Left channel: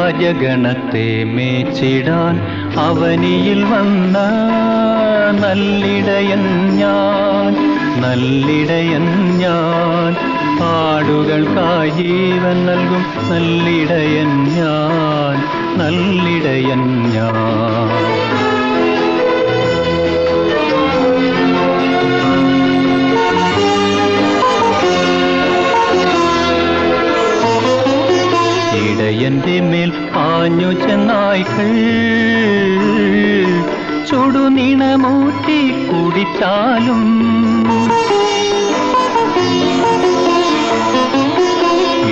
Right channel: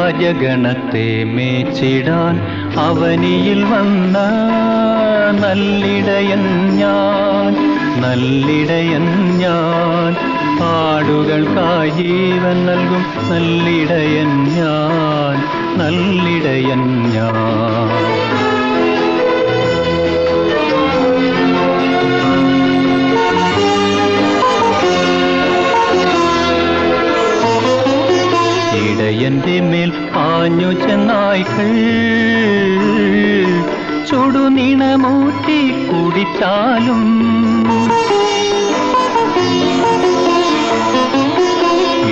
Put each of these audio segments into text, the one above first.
അജഗണത്തെ മേച്ചിടാൻ അവനിയിൽ വന്ന നല്ലിടയൻ ഞാൻ, നല്ലിടയൻ ഞാൻ. ആടുകൾക്കായി ജീവൻ നൽകും നല്ലിടയൻ ഞാൻ, നല്ലിടയൻ ഞാൻ. ഇടയന്റെ മേൽ പാഞ്ഞു ചെന്നായ്ക്കൾ ചുടുനിണമൂറ്റി കുടിച്ചാലും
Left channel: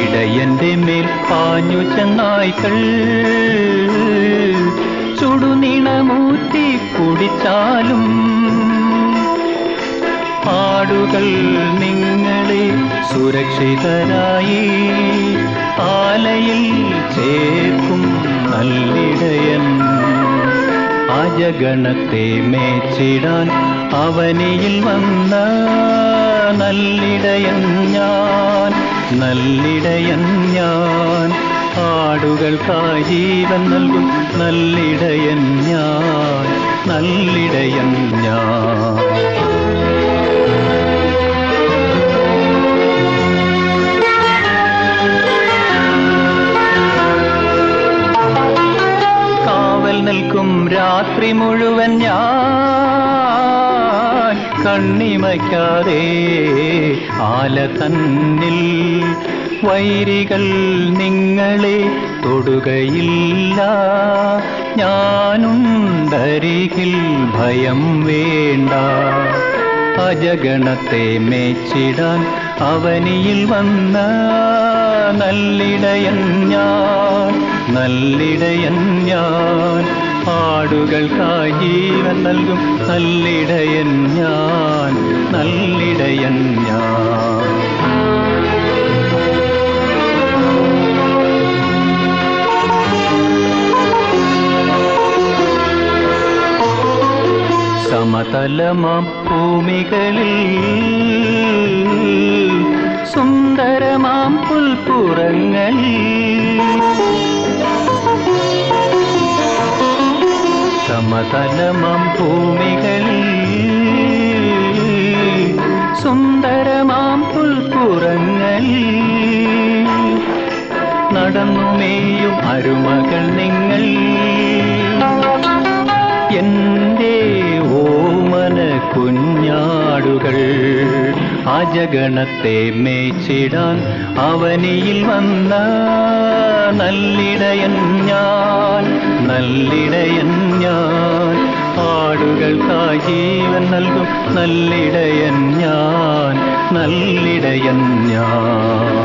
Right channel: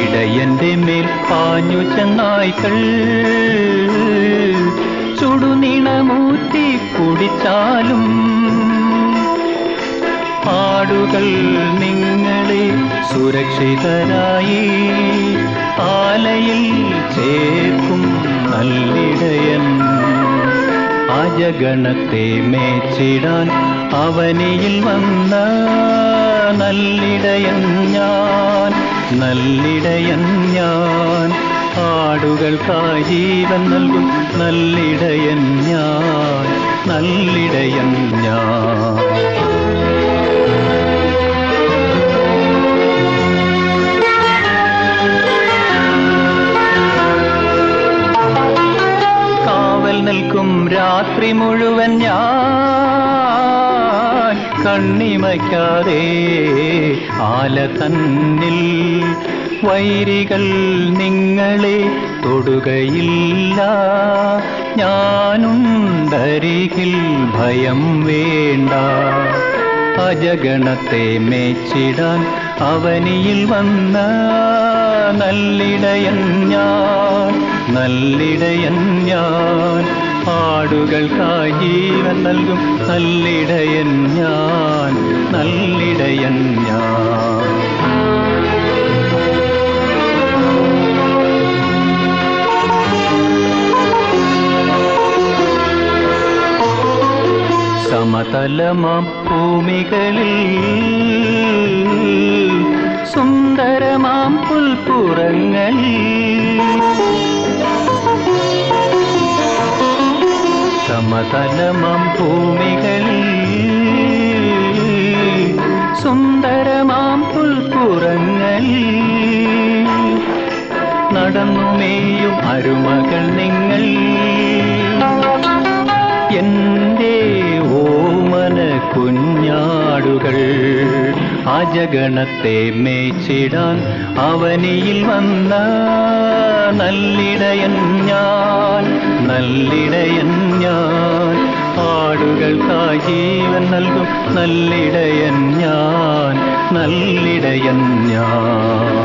ഇടയന്റെ മേൽ പാഞ്ഞു ചെന്നായ്ക്കൾ ചുടുനിണമൂറ്റി കുടിച്ചാലും ആടുകൾ നിങ്ങളെ സുരക്ഷിതരായി ആലയിൽ ചേർക്കും നല്ലിടയൻ. അജഗണത്തെ മേച്ചിടാൻ അവനിയിൽ വന്ന നല്ലിടയൻ ഞാൻ, നല്ലിടയൻ ഞാൻ. ആടുകൾക്കായി ജീവൻ നൽകും നല്ലിടയൻ ഞാൻ, നല്ലിടയൻ ഞാൻ. നിൽക്കും രാത്രി മുഴുവൻ ഞാൻ കണ്ണിമയ്ക്കാതെ ആല തന്നിൽ. വൈരികൾ നിങ്ങളെ തൊടുകയില്ല, ഞാനുണ്ടരികിൽ ഭയം വേണ്ട. അജഗണത്തെ മേച്ചിടാൻ അവനിയിൽ വന്ന നല്ലിടയൻ ഞാൻ, നല്ലിടയൻ ഞാൻ. ആടുകൾക്കായി ജീവൻ നൽകും നല്ലിടയൻ ഞാൻ, നല്ലിടയൻ ഞാൻ. സമതലമാം ഭൂമികളിൽ സുന്ദരമാം പുൽപ്പുറങ്ങളിൽ സമതലമാം ഭൂമികളിൽ സുന്ദരമാം പുൽപ്പുറങ്ങളിൽ നടന്നുമേയും അരുമകൾ നിങ്ങൾ. എന്റെ ഓമന കുഞ്ഞാടുകൾ അജഗണത്തെ മേച്ചിടാൻ അവനിയിൽ വന്ന നല്ലിടയൻ ഞാൻ, നല്ലിടയൻ ഞാൻ. ആടുകൾക്കായി ജീവൻ നൽകും നല്ലിടയൻ ഞാൻ, നല്ലിടയൻ ഞാൻ.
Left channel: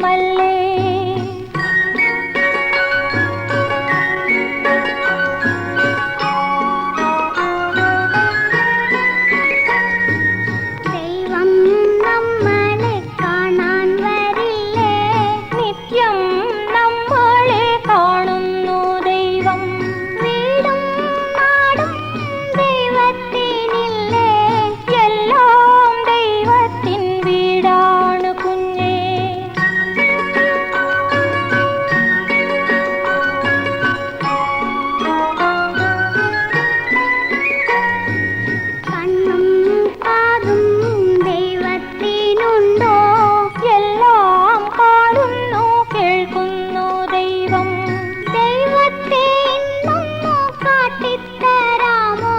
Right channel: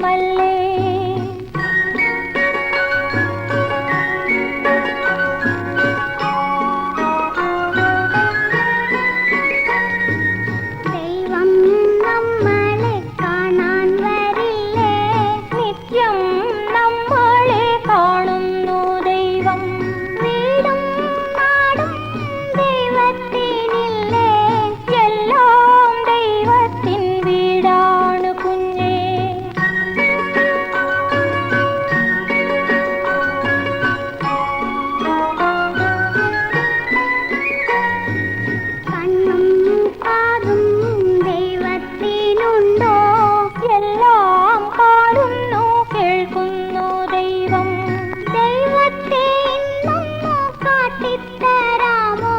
ദൈവമല്ലേ. ദൈവം നമ്മളെ കാണാൻ വരില്ലേ, നിത്യം നമ്മളെ കാണുന്നു ദൈവം. വീടും നാടും ദൈവത്തിനില്ലേ, എല്ലാം ദൈവത്തിൻ വീടാണ് കുഞ്ഞേ. കണ്ണും കാതും ദൈവത്തിനുണ്ടോ, എല്ലാം കാണുന്നു കേൾക്കുന്നു ദൈവം. ദൈവത്തെ ഇന്നൊന്നു കാട്ടിത്തരാമോ,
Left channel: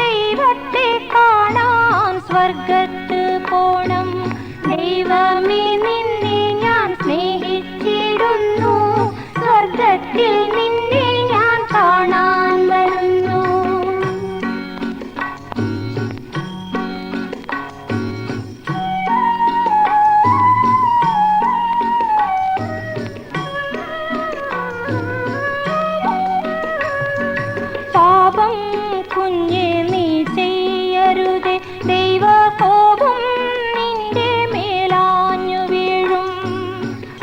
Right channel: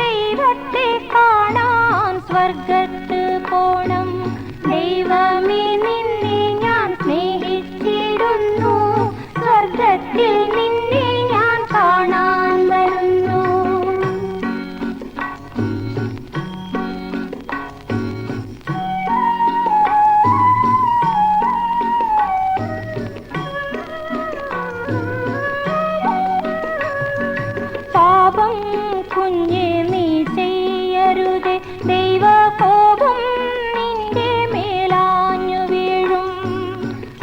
ദൈവത്തെ കാണാൻ സ്വർഗത്ത് പോണം. ദൈവമേ നിന്നെ ഞാൻ സ്നേഹിച്ചിടുന്നു, സ്വർഗത്തിൽ നിന്നെ ഞാൻ കാണാൻ വരുന്നു. പാപം കുഞ്ഞേ നീ ചെയ്യരുതേ, ദൈവകോപം നിന്റെ മേലാഞ്ഞു വീഴും.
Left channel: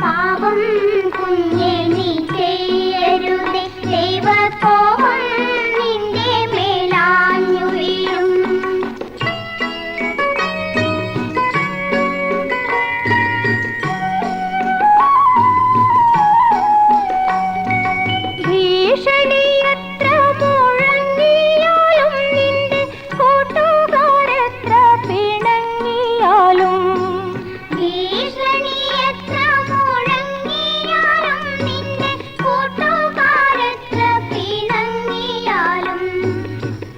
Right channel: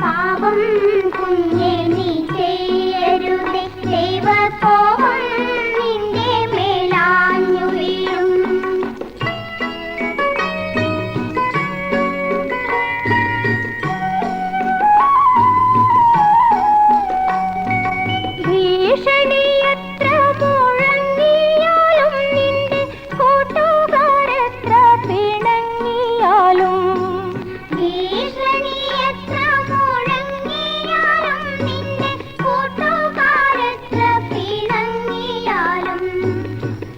പാപം കുഞ്ഞേ നീ ചെയ്യരുതേ, ദൈവകോപം നിന്റെ മേലാഞ്ഞു വീഴും. ഭീഷണി എത്ര മുഴങ്ങിയാലും, നിന്റെ കൂട്ടുകാരെത്ര പിണങ്ങിയാലും, ഭീഷണി എത്ര മുഴങ്ങിയാലും, നിന്റെ കൂട്ടുകാരെത്ര പിണങ്ങിയാലും,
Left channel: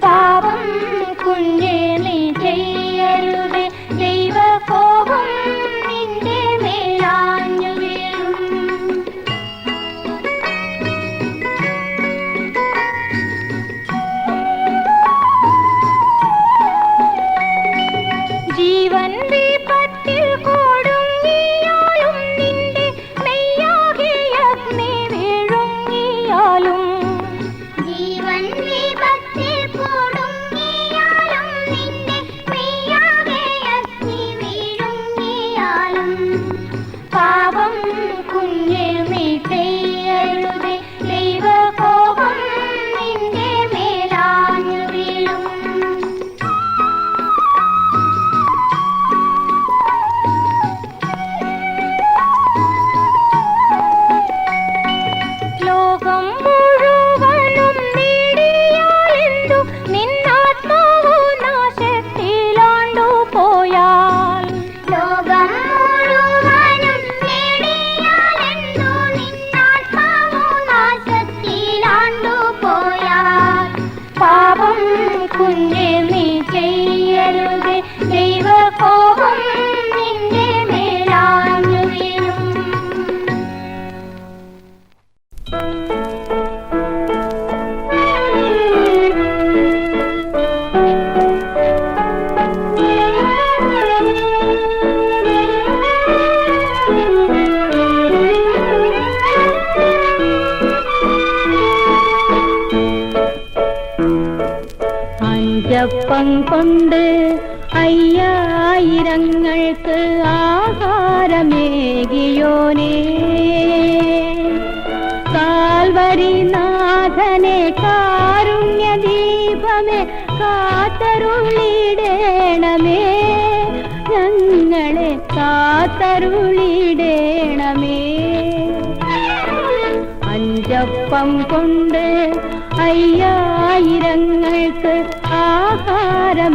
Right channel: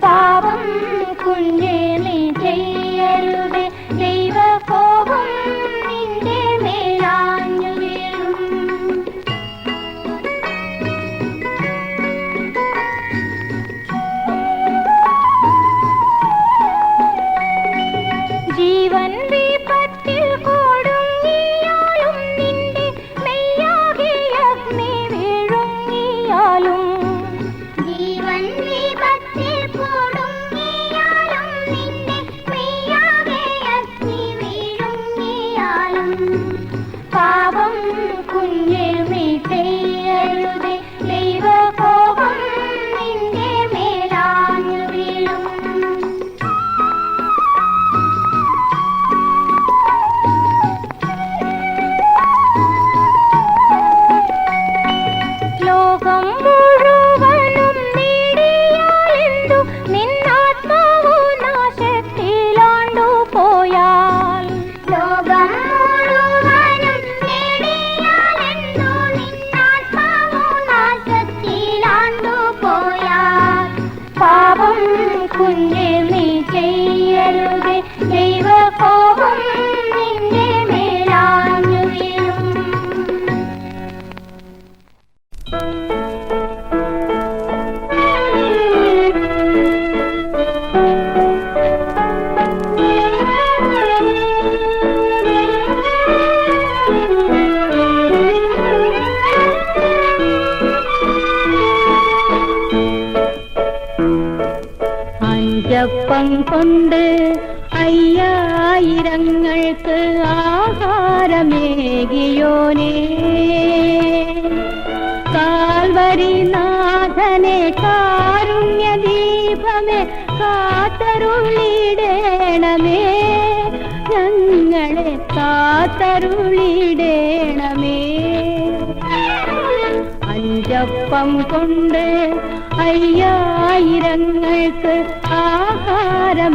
പാപം കുഞ്ഞേ നീ ചെയ്യരുതേ, ദൈവകോപം നിന്റെ മേലാഞ്ഞു വീഴും. ജീവൻ വിപത്തിൽ കൊടുങ്ങിയാലും, നിന്റെ നെയ്യാകെ അഗ്നി വീഴുങ്ങിയാലും, ജീവൻ വിപത്തിൽ കൊടുങ്ങിയാലും, നിന്റെ നെയ്യാകെ അഗ്നി വീഴുങ്ങിയാലും, പാപം കുഞ്ഞേ നീ ചെയ്യരുതേ, ദൈവകോപം നിന്റെ മേലാഞ്ഞു വീഴും. ലോകം മുഴുവനും നേടിയാലെന്തു, നിന്നാത്മാവു നാശത്തിലാണ്ടു പോയാൽ. ലോകം മുഴുവനും നേടിയാലെന്തു, നിന്നാത്മാവു നാശത്തിലാണ്ടു പോയാൽ, പാപം കുഞ്ഞേ നീ ചെയ്യരുതേ, ദൈവകോപം നിന്റെ മേലാഞ്ഞു വീഴും. അഞ്ചപ്പം കൊണ്ട് അയ്യായിരങ്ങൾക്ക് ആഹാരമേകിയോനേ, കാൽവരിനാഥനെ കാരുണ്യദീപമേ കാത്തരുളിടേണമേ, ഞങ്ങളെ കാത്തരുളിടേണമേ. അഞ്ചപ്പം കൊണ്ട് അയ്യായിരങ്ങൾക്ക് ആഹാരമേകിയോനേ.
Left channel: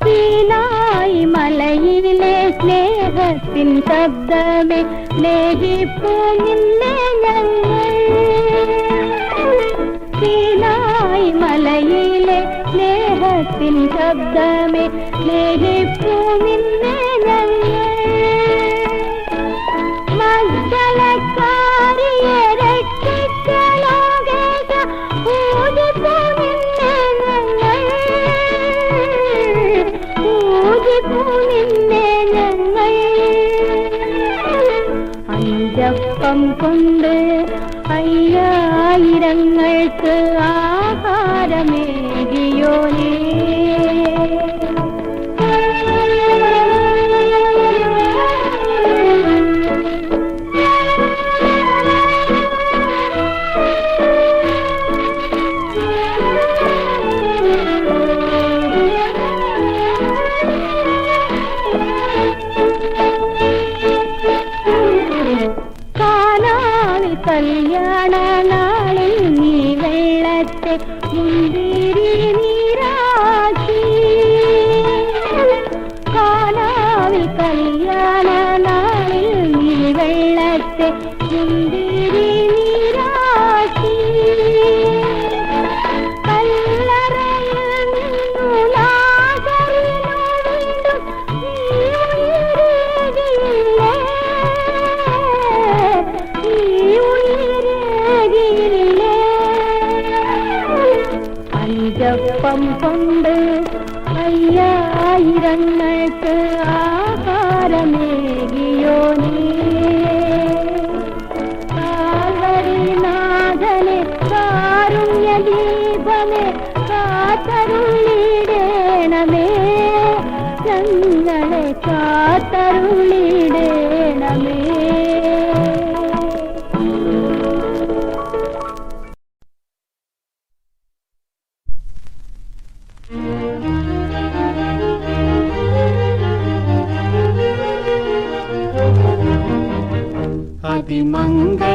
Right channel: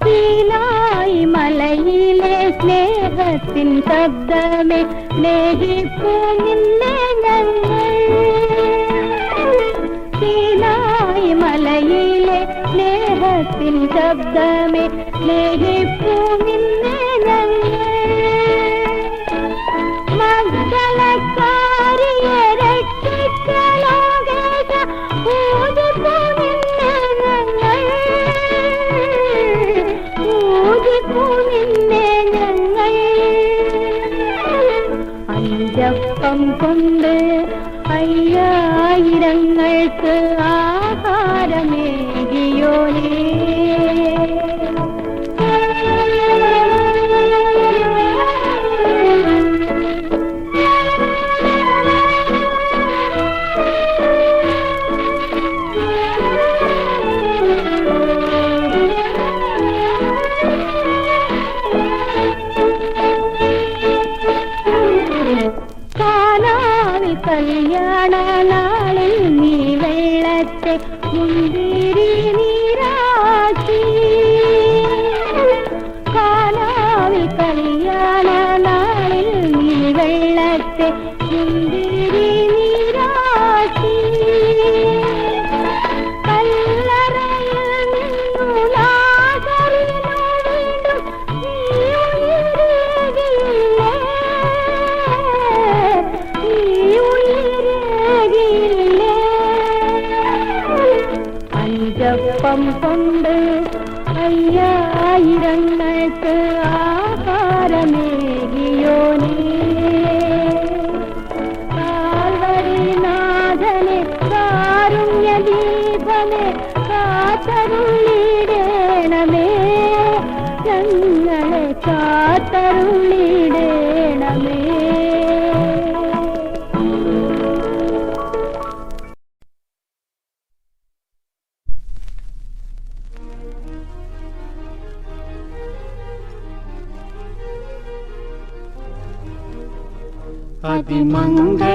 സീനായി മലയിലെ സ്നേഹത്തിൻ സ്വരത്തിൻ ശബ്ദമേ സ്നേഹിപ്പൂ നിന്നെ ഞങ്ങൾ മംഗളക്കാരിയെ രക്ഷിച്ച ലോകേശ പൂജിപ്പൂ നിന്നെ ഞങ്ങൾ പൂജിപ്പൂ നിന്നെ ഞങ്ങൾ അഞ്ചപ്പം കൊണ്ട് അയ്യായിരങ്ങൾക്ക് ആഹാരമേകിയോനേ കല്യാണ നാളിൽ നീ വെള്ളത്തെ മുന്തിരി നീരാക്കി കാനാവിൽ കല്യാണ നാളിൽ നീ വെള്ളത്തെ മുന്തിരി നീരാക്കി കല്ലറയിൽ നിന്നു ലാസറിനു വീണ്ടും നീ ഉയരുകയില്ലേ അഞ്ചപ്പം കൊണ്ട് അയ്യായിരങ്ങൾക്ക് ആഹാരമേകിയോനേ കാൽവരിനാഥനെ കാരുണ്യദീപനെ കാത്തരുളിടേണമേ ഞങ്ങളെ കാത്തരുളിടേണമേ.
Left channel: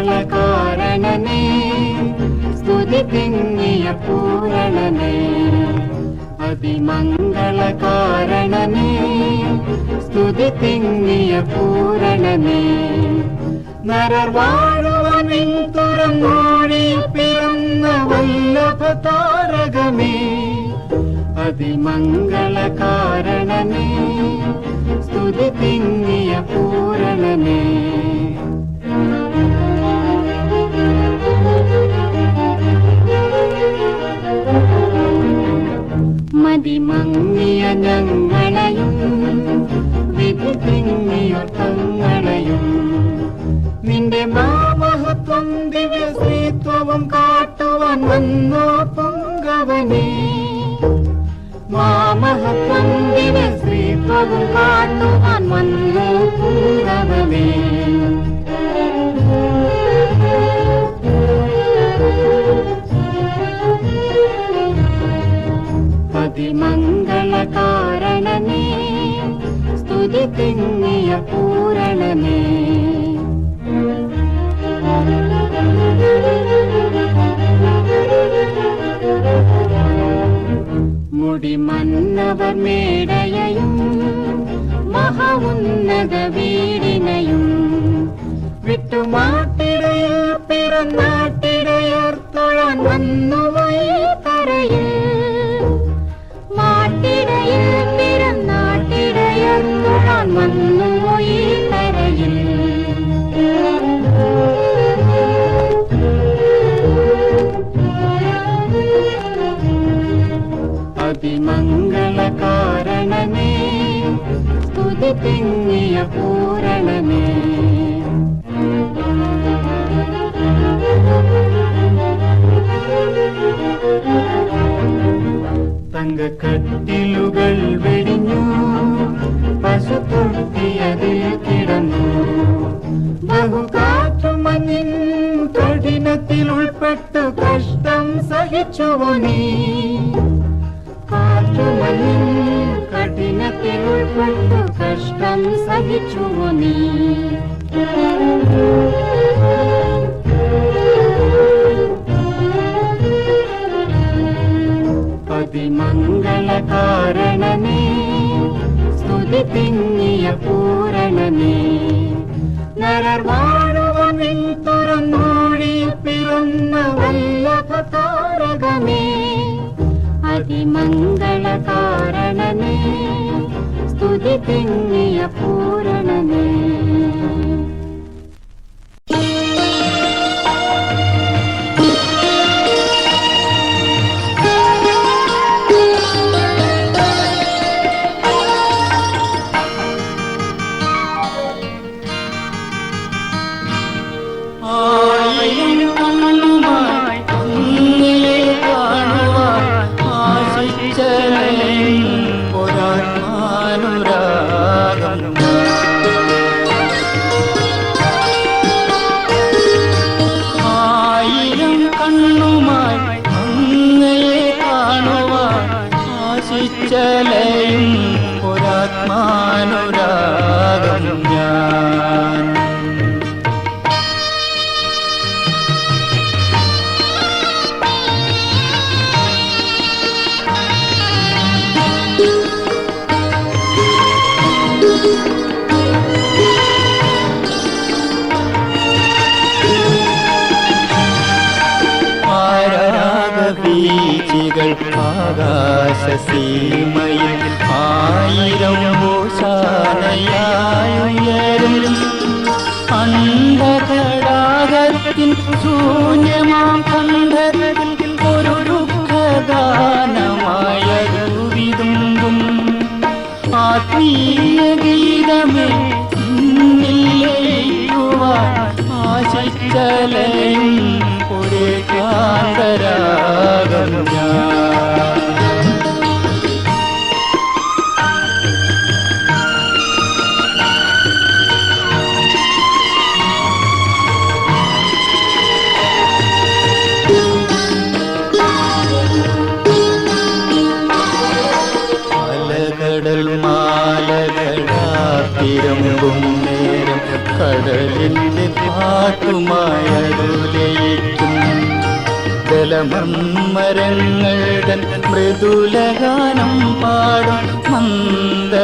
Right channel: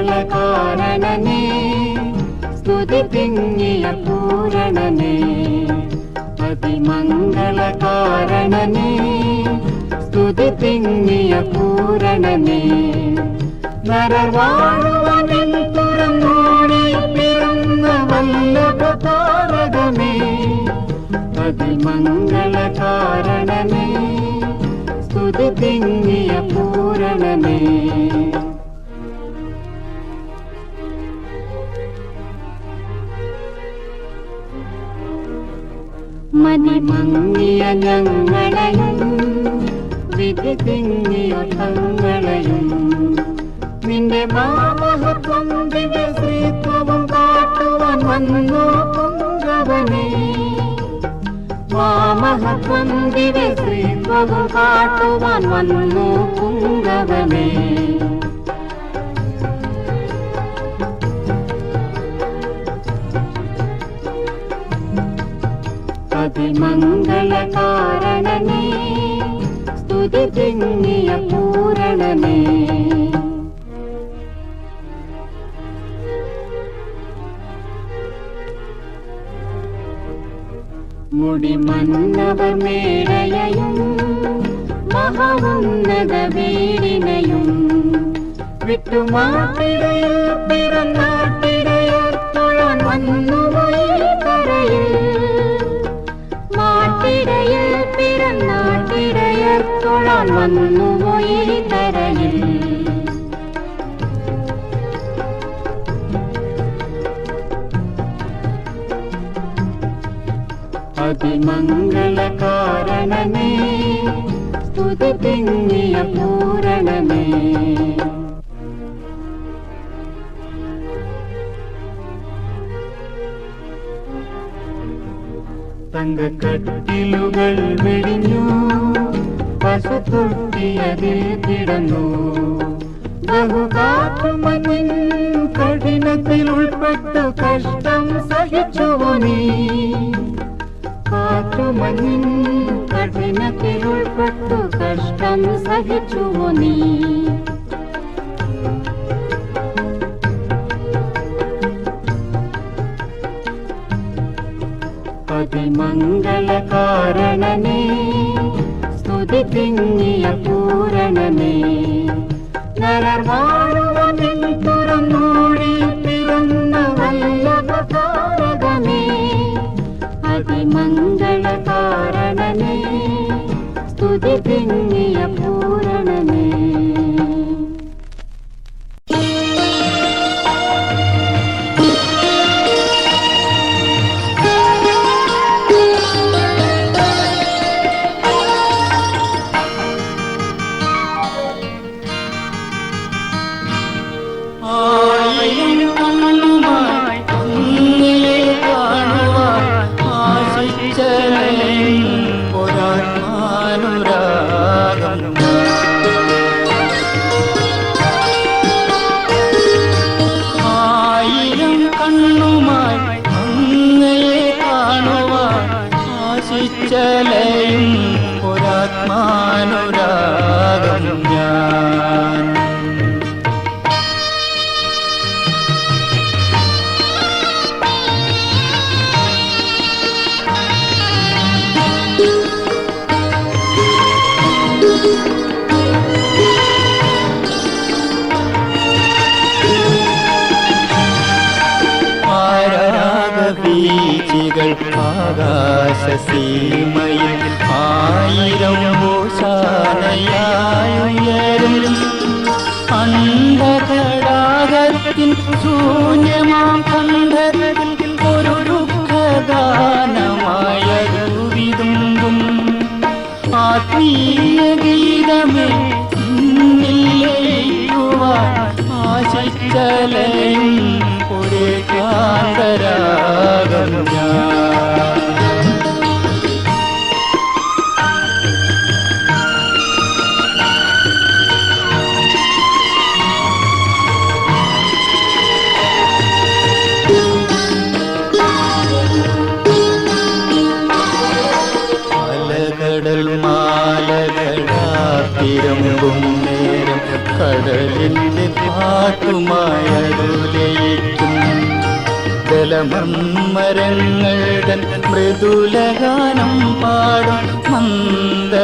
അതിമംഗളകാരണനേ സ്തുതി തിങ്ങിയ പൂരണനേ അതിമംഗളകാരണനേ സ്തുതി തിങ്ങിയ പൂരണനേ നരർ വാഴുവനിൽ തുറന്നോടി പിറന്ന വല്ലഭ താരകമേ അതിമംഗളകാരണനേ സ്തുതി തിങ്ങിയ പൂരണനേ മതിമങ്ങിയ ഞങ്ങളെയും വിധി തിങ്ങിയൊട്ടങ്ങളെയും നിന്റെ മാമഹത്വം ദിവ്യശ്രീത്വവും കാട്ടുവാൻ വന്നോ പുങ്കവനേ മാമഹത്വം ദിവ്യശ്രീത്വവും കാട്ടുവാൻ വന്നോ പുങ്കവനേ അതിമംഗളകാരണനേ സ്തുതി തിങ്ങിയ പൂരണനേ മുടിമന്നവർ മേടയയും മഹോന്നത വീടിനെയും വിട്ടുമാട്ടിടയിൽ പിറന്നാട്ടിടയർ തൊഴാൻ വന്നുപോയി കരയിൽ മാട്ടിടയിൽ പിറന്നാട്ടിടയർ തൊഴാൻ വന്നുപോയി കരയിൽ അതിമംഗളകാരണനേ സ്തുതി തിങ്ങിയ പൂരണനേ തങ്കക്കട്ടിലുകൾ വെടിഞ്ഞു പശുത്തൊട്ടിയതിൽ കിടന്നു ബഹുകാറ്റുമഞ്ഞിൻ കഠിനത്തിൽ ഉൾപ്പെട്ടു കഷ്ടം സഹിച്ചുവോ നീ കാറ്റുമഞ്ഞിൻ കഠിനത്തിൽ ഉൾപ്പെട്ടു കഷ്ടം സഹിച്ചുവോ നീ അതിമംഗളകാരണനേ സ്തുതി തിങ്ങിയ പൂരണനേ നരർ വാഴുവനിൽ തുറന്നോടി പിറന്ന വല്ലഭ താരകമേ അതിമംഗളകാരണനേ സ്തുതി തിങ്ങിയ പൂരണനേ. ചലയും ഒരാത്മാനുരാഗം ഞാൻ. വീചികൾ ആകാശസീമയിൽ ആയിരം ഓശാനയായുയരും അന്ധകടാകത്തിൻ ശൂന്യമാം കണ്ഠത്തിൽ ഒരു ദുഃഖഗാനമായൊരു വിതുമ്പും ആത്മീയ ഗീതമേ ലയിക്കുവാൻ ആശിച്ചലയും ഒരേ കാന്തരാഗം ഞാൻ. അലകടൽ മാലകളാത്തിരമ്പും നേരം കടലിന്റെ പാട്ടുമായരുലയിക്കും ജലമരങ്ങളുടെ മൃദുലഗാനം പാടും മന്ദമാരുതനായ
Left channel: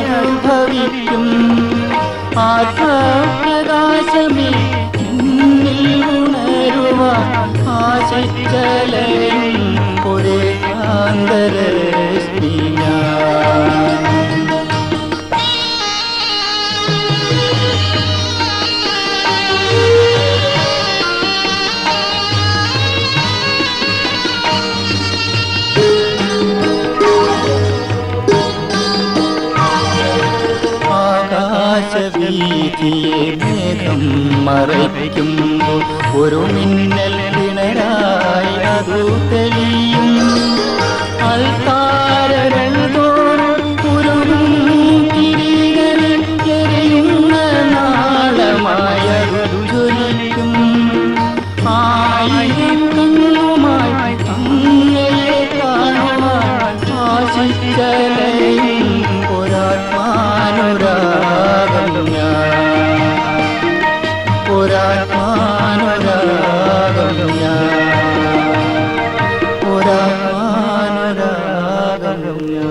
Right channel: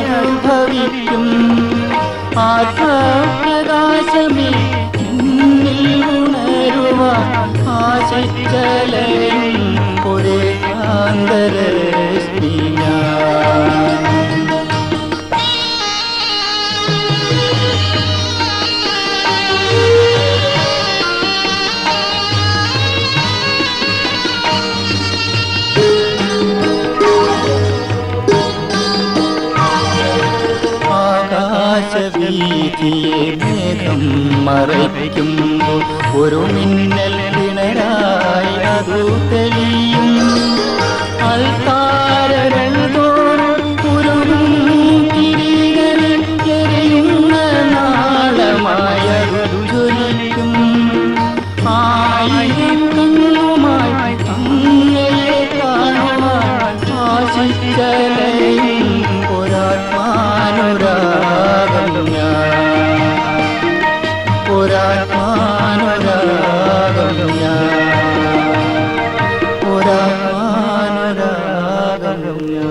അനുഭവിക്കും ആത്മപ്രകാശമേ ഉണരുവാൻ ആശിച്ചലയും ഒരേ കാന്തരശ്മി ഞാൻ. ആകാശവീഥിയെ മേഘം മറയ്ക്കുമ്പോൾ ഒരു മിന്നൽ പിണരായി അതു തെളിയും അൽത്താരകൾ തോറും കുരുവും തിരികളിൽ എരിയുന്ന നാളമായതു ജ്വലിക്കും ആയിരം കണ്ണുമായി അങ്ങയെ കാണുവാൻ ആശിച്ചലയും ഒരാത്മാനുരാഗം ഞാൻ. ഒരാത്മാനുരാഗം ഞാൻ. ഒരാത്മാനുരാഗം ഞാൻ.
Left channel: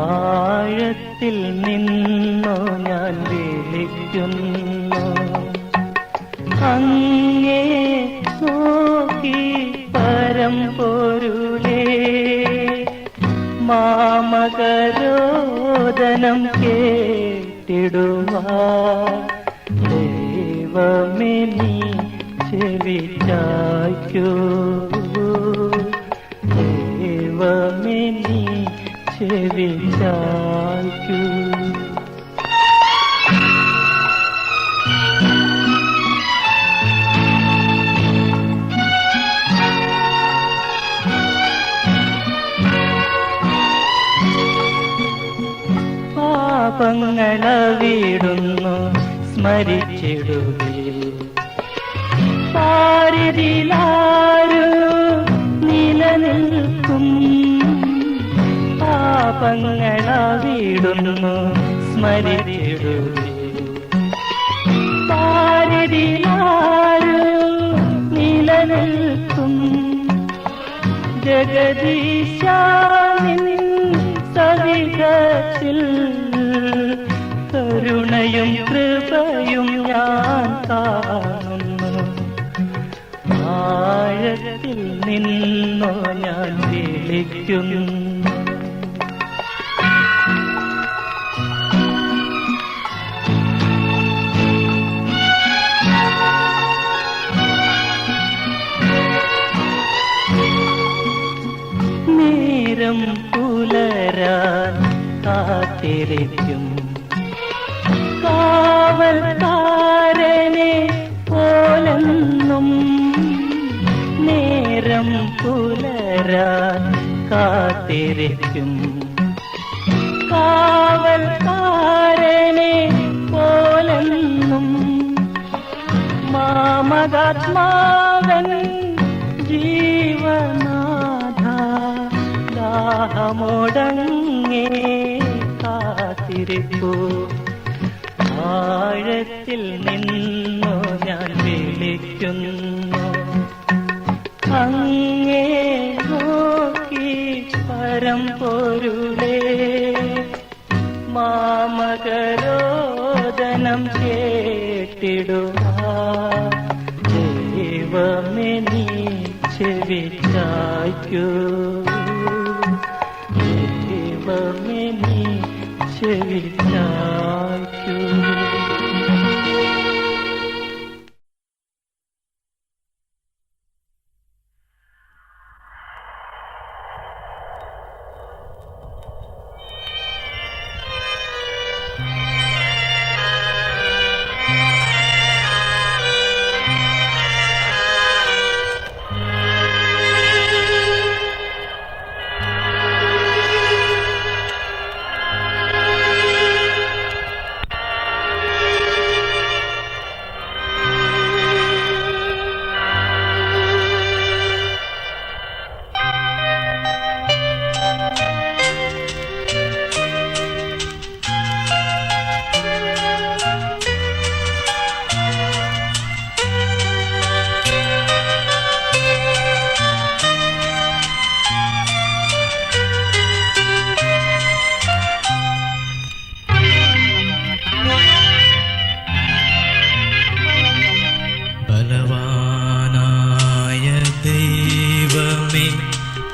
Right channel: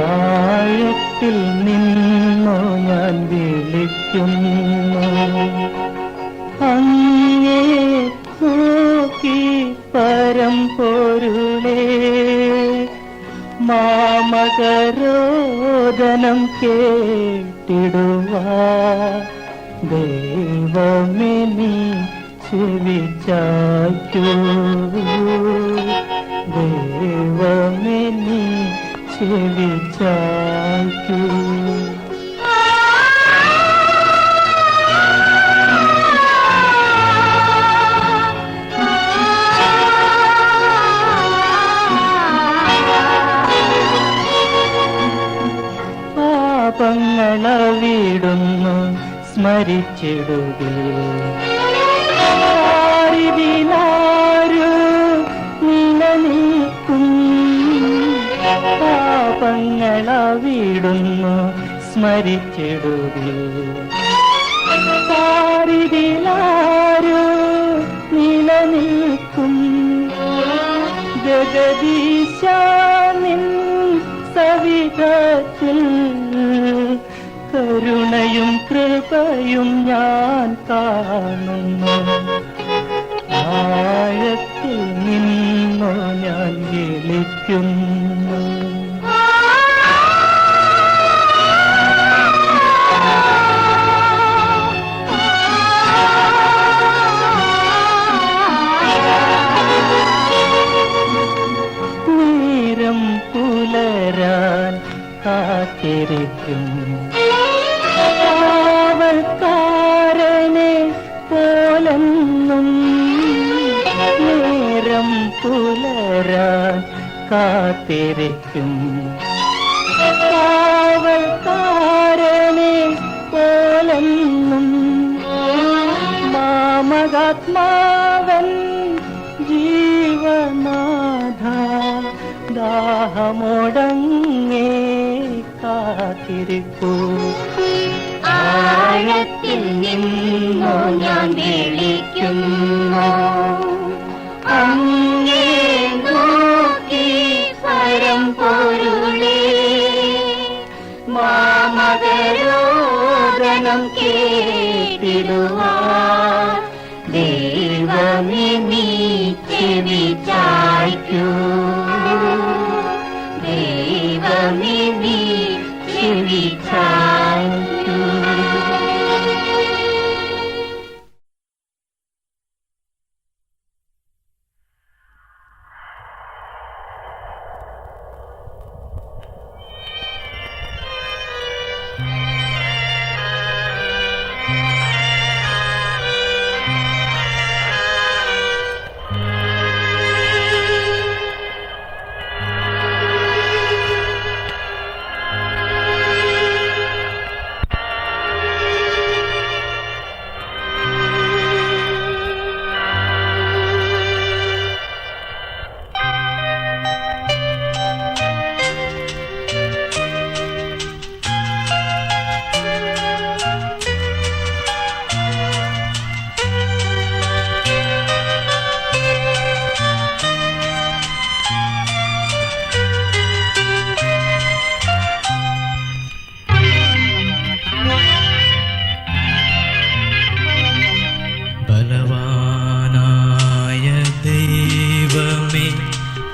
ആഴത്തിൽ നിന്നു ഞാൻ വിളിക്കുന്നു അങ്ങേ നോക്കി പരമ്പൊരുളേ മാമകരോദനം കേട്ടിടുവാൻ ദൈവമേ നീ ചെവിച്ചായ്ക്കൂ ദൈവമേ നീ ചെവിച്ചായ്ക്കൂ. പാപങ്ങളെ വീടുന്നു സ്മരിച്ചിടുകേ മരിച്ചിടുവേ. പാരിതിലാരോ നിലനിൽക്കും ജഗദീശ നിൻ സവിധത്തിൽ, കരുണയും കൃപയും ഞാൻ കാണുന്നു. ആഴത്തിൽ നിന്നോ ഞാൻ വിളിക്കുന്നു. നേരം പുലരാൻ കാത്തിരിക്കും കാവൽക്കാരനെ പോലെന്നും. നേരം പുലരാൻ കാത്തിരിക്കും കാവൽക്കാരനെ പോലെന്നും. മാമകാത്മാവൻ ജീവനാഥ ദാഹമുടങ്ങേ കാത്തിരിപ്പൂ. ആഴത്തിൽ നിന്നു ഞാൻ വിളിക്കുന്നു. അങ്ങേ നോക്കി പരമ്പൊരുളേ, മാമകരോദനം കേട്ടിടുവാൻ ദൈവമേ നീ ചെവി ചായ്ക്കൂ. ദൈവമേ നീ ചെവി ചായ്ക്കൂ.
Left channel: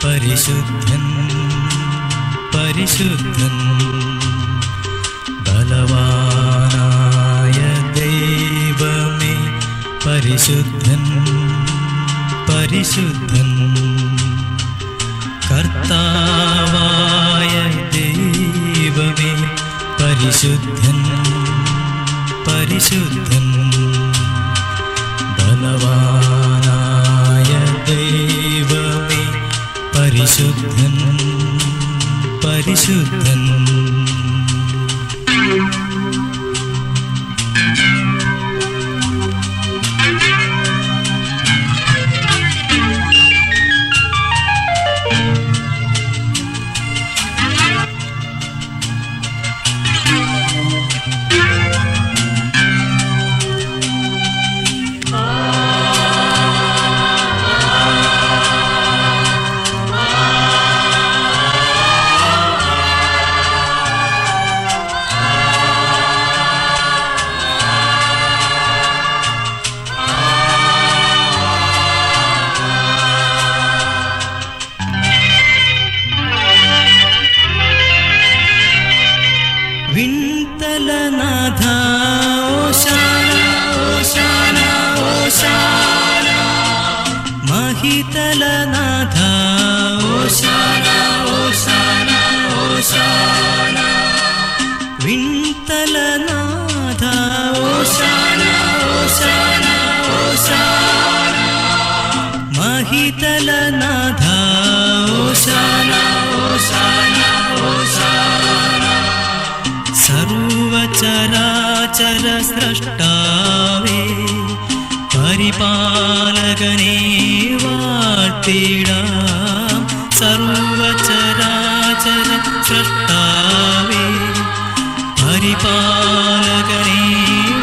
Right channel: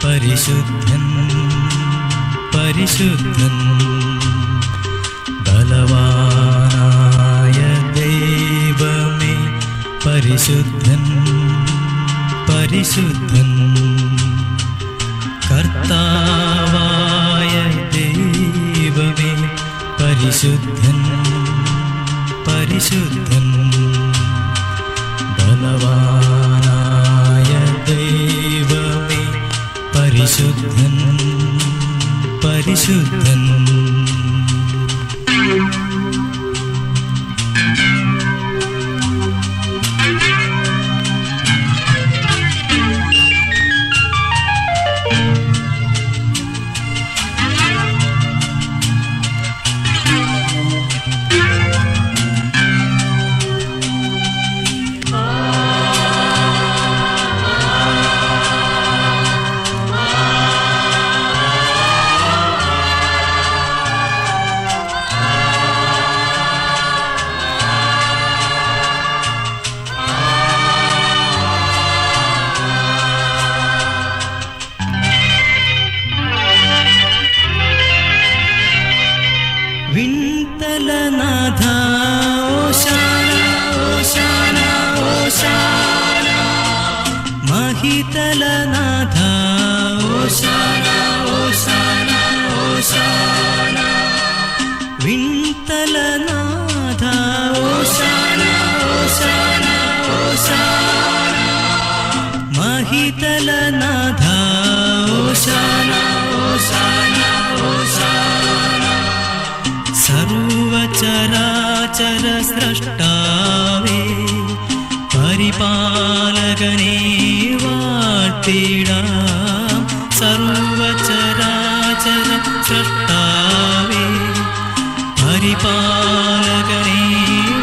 പരിശുദ്ധൻ പരിശുദ്ധൻ ബലവാനായ ദൈവമേ പരിശുദ്ധൻ പരിശുദ്ധൻ കർത്താവായ ദൈവമേ പരിശുദ്ധൻ പരിശുദ്ധൻ ബലവാനായ ദൈവമേ പരിശുദ്ധൻ പരിശുദ്ധൻ വിൺതലനാഥ ഓശാന ഓശാന ഓശാന മഹിതലനാഥ ഓശാന ഓശാന ഓശാന വിൺതലനാഥ ഓശാന ഓശാന ഓശാന മഹിതലനാഥ ഓശാന ഓശാന ഓശാന സർവചരാചര സ്രഷ്ടാവേ പരിപാലകനേ വാഴ്ത്തിടാം സർവചരാചര സ്രഷ്ടാവേ പരിപാലകനേ പാലകനെ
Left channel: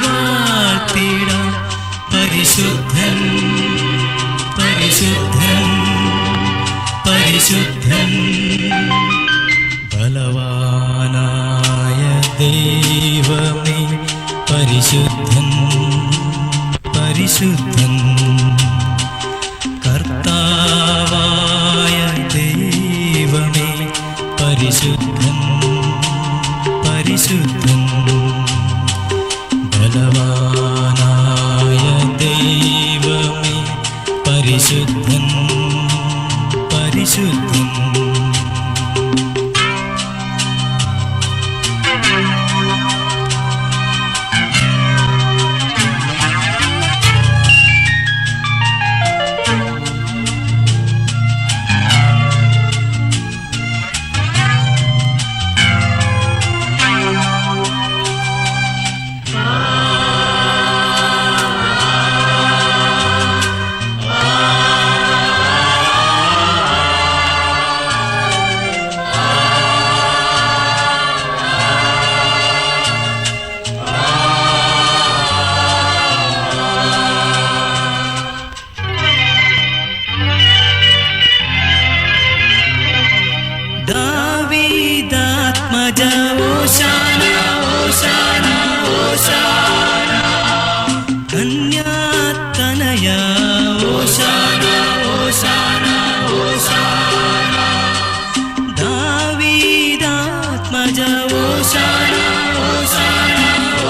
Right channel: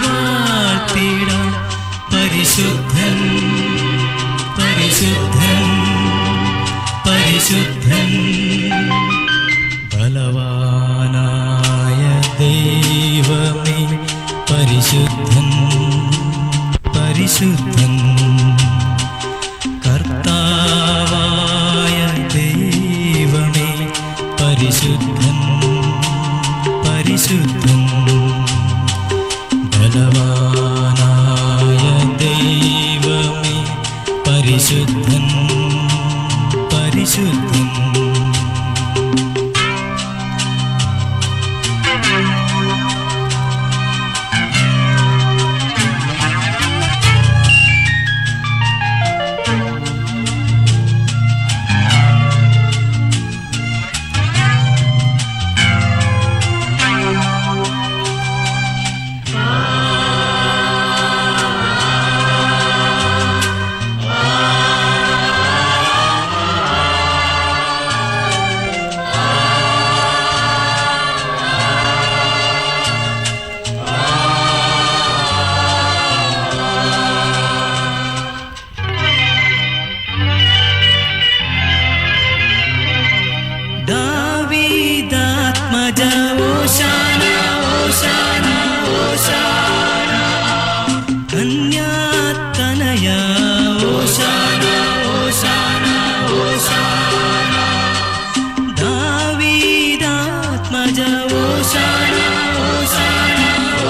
വാഴ്ത്തിടാം. പരിശുദ്ധൻ പരിശുദ്ധൻ പരിശുദ്ധൻ. ബലവാനായ ദൈവമേ പരിശുദ്ധൻ പരിശുദ്ധൻ. കർത്താവായ ദൈവമേ പരിശുദ്ധൻ പരിശുദ്ധൻ. ബലവാനായ ദൈവമേ പരിശുദ്ധൻ പരിശുദ്ധൻ. ദാവീദാത്മജ ഓശാന ഓശാന ഓശാന. കന്യാതനയ ഓശാന ഓശാന ഓശാന. ദാവീദാത്മജ ഓശാന ഓശാന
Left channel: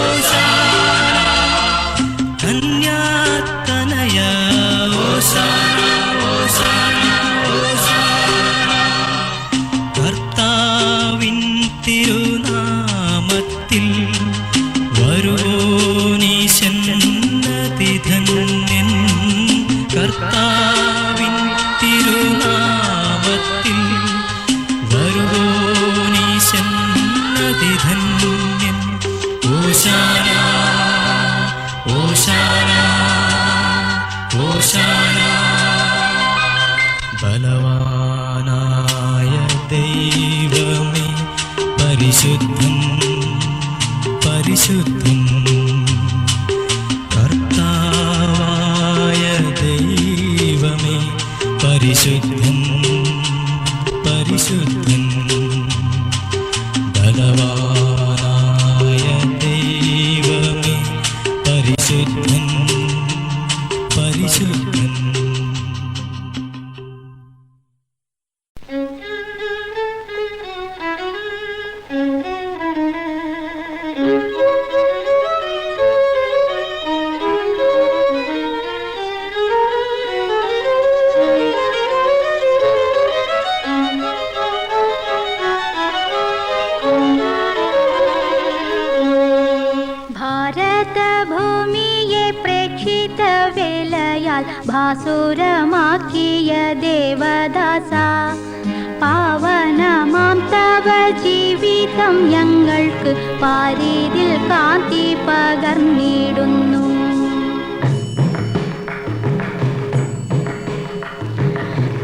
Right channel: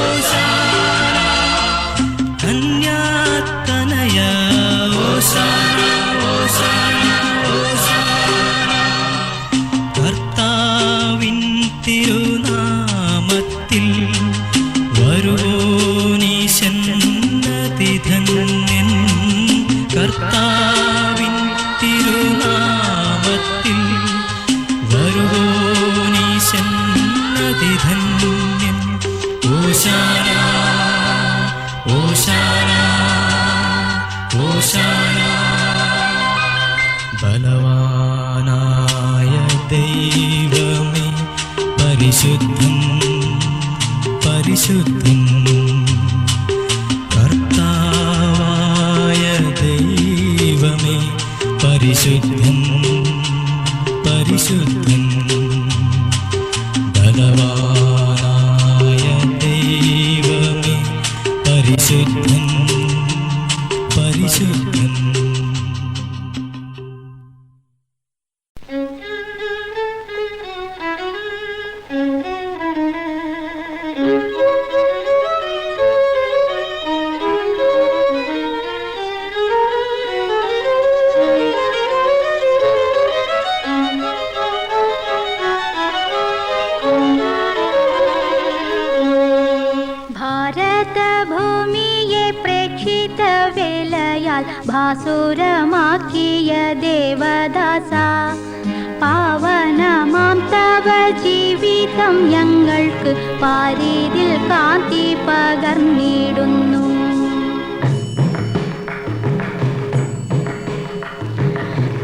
ഓശാന. കന്യാതനയ ഓശാന ഓശാന ഓശാന. കർത്താവിൻ തിരുനാമത്തിൽ വരുവോനീശന്നതിധന്യൻ. കർത്താവിൻ തിരുനാമത്തിൽ വരുവോനീശന്നതിധന്യൻ. ഓശാന ഓശാന ഓശാന. ബലവാനായ ദൈവമേ പരിശുദ്ധൻ പരിശുദ്ധൻ. കർത്താവായ ദൈവമേ പരിശുദ്ധൻ പരിശുദ്ധൻ. ബലവാനായ ദൈവമേ പരിശുദ്ധൻ പരിശുദ്ധൻ. ഭാരതഭൂമിയെ പ്രേക്ഷിത വേലയാൽ ഭാസുരമാക്കിയ ദേവദാസ, പാവനമാം തവ ജീവിതം ഞങ്ങൾക്ക് പാരീതിൽ കാന്തി പകർന്നിടുന്നു.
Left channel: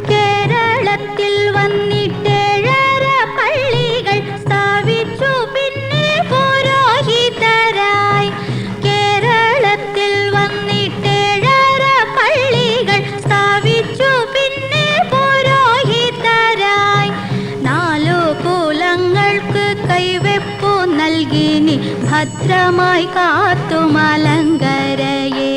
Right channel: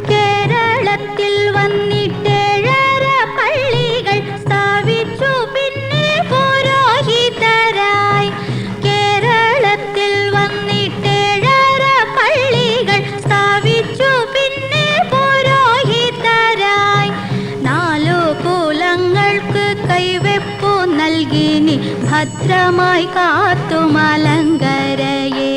കേരളത്തിൽ വന്നിട്ടേഴര പള്ളികൾ സ്ഥാപിച്ചു പിന്നെ പുരോഹിതരായി. കേരളത്തിൽ വന്നിട്ടേഴര പള്ളികൾ സ്ഥാപിച്ചു പിന്നെ പുരോഹിതരായി. 4 കുലങ്ങൾക്ക് കൈവെപ്പു നൽകിനി ഭദ്രമായി കാത്തു മലങ്കരയെ.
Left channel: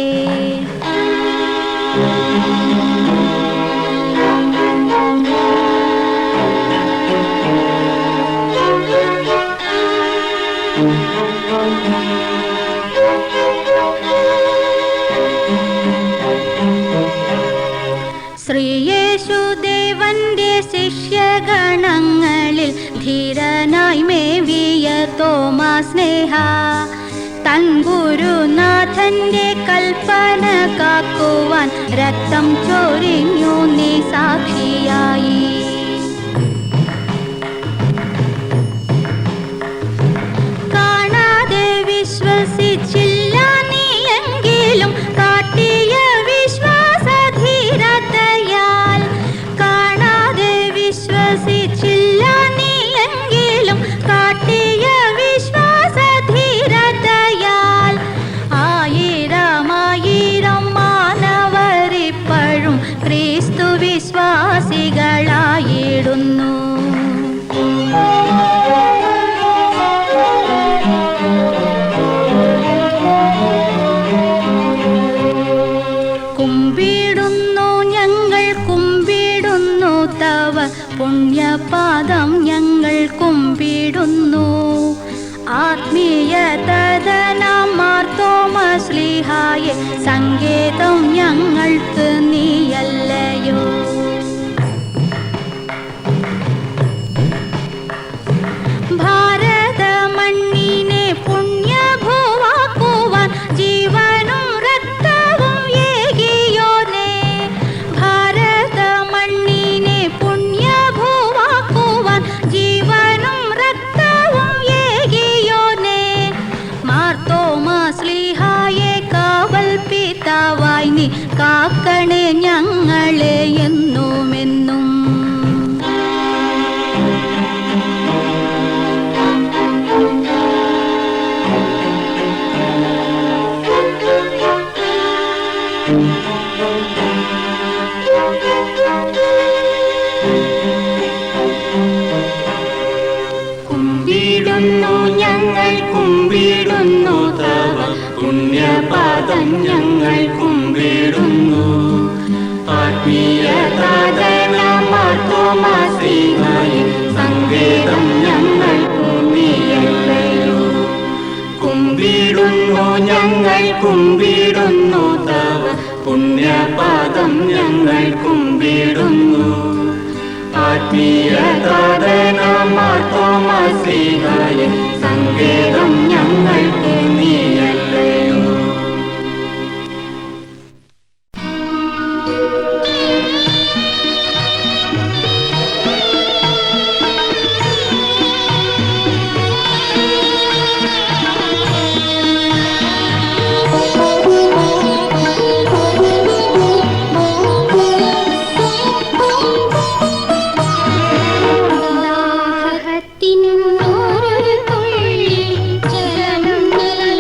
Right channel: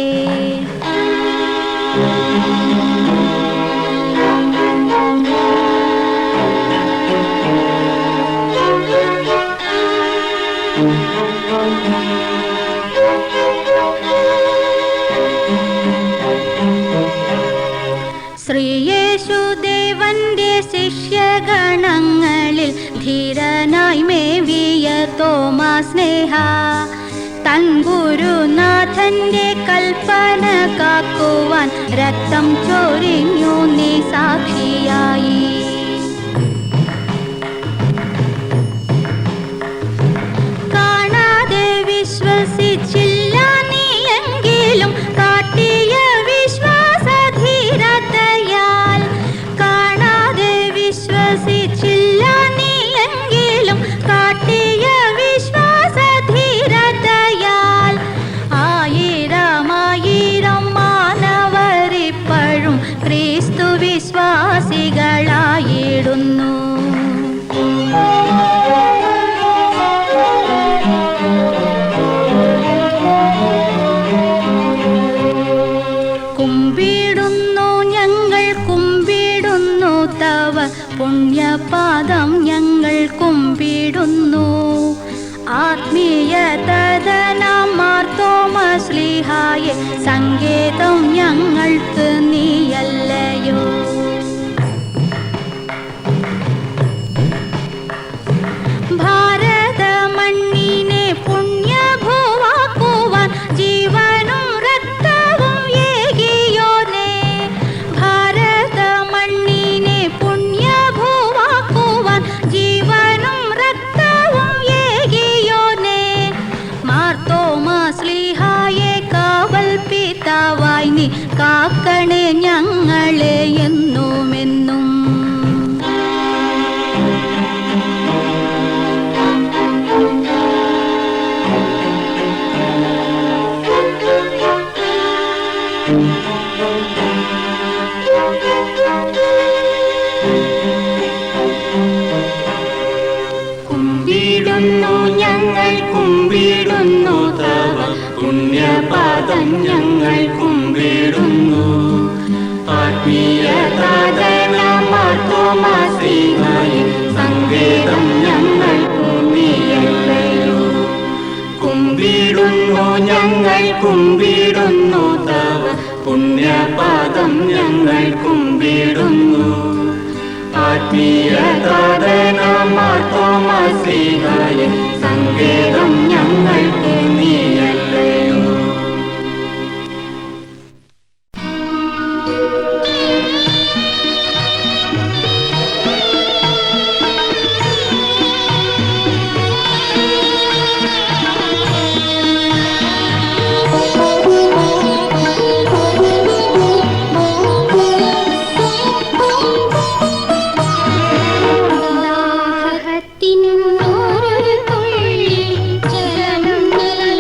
ശ്രീയേശുദേവന്റെ ശിഷ്യഗണങ്ങളിൽ ധീരനായി മേവിയ തോമാ സ്നേഹ, തൻ ഗുരുനാഥന്റെ കൽപ്പന കാക്കുവാൻ രക്തം ചൊരിഞ്ഞു നീ സാക്ഷിയായി. കാണാതെ വിശ്വസിച്ചില്ല നീ എങ്കിലും കാട്ടിയ വിശ്വാസധീരതയാൽ. കാണാതെ വിശ്വസിച്ചില്ല നീ എങ്കിലും കാട്ടിയ വിശ്വാസധീരതയാൽ. കുമ്പിടുന്നു ഞങ്ങൾ കുമ്പിടുന്നു തവ പുണ്യപാദം ഞങ്ങൾ കുമ്പിടുന്നു. ആത്മീയ തദനമാർത്തോമശ്ലീഹായെ സങ്കേതം ഞങ്ങൾക്ക് നീയല്ലയോ. ഭാരത മണ്ണിനെ പുണ്യഭൂവാക്കുവാൻ ജീവനും രക്തവും ഏകിയോനേ. ഭാരത മണ്ണിനെ പുണ്യഭൂവാക്കുവാൻ ജീവനും രക്തവും ഏകിയോനേ. മാർത്തോമാശ്ലീഹായെ കാവൽ പിതാവായി നീ കാക്കണേ ഞങ്ങളെ എന്നുമെന്നും. കുമ്പിടുന്നു ഞങ്ങൾ കുമ്പിടുന്നു തവ പുണ്യപാദം ഞങ്ങൾ കുമ്പിടുന്നു. ആത്മീയ താതനമാർത്തോമാശ്ലീഹായെ സങ്കേതം ഞങ്ങൾക്ക് നീയല്ലയോ. കുമ്പിടുന്നു ഞങ്ങൾ കുമ്പിടുന്നു തവ പുണ്യപാദം ഞങ്ങൾ കുമ്പിടുന്നു. ആത്മീയ താതനമാർത്തോമാശ്ലീഹായെ സങ്കേതം ഞങ്ങൾക്ക് നീയല്ലയോ. ദാഹത്തിനൊരു തുള്ളി ജലം നൽകി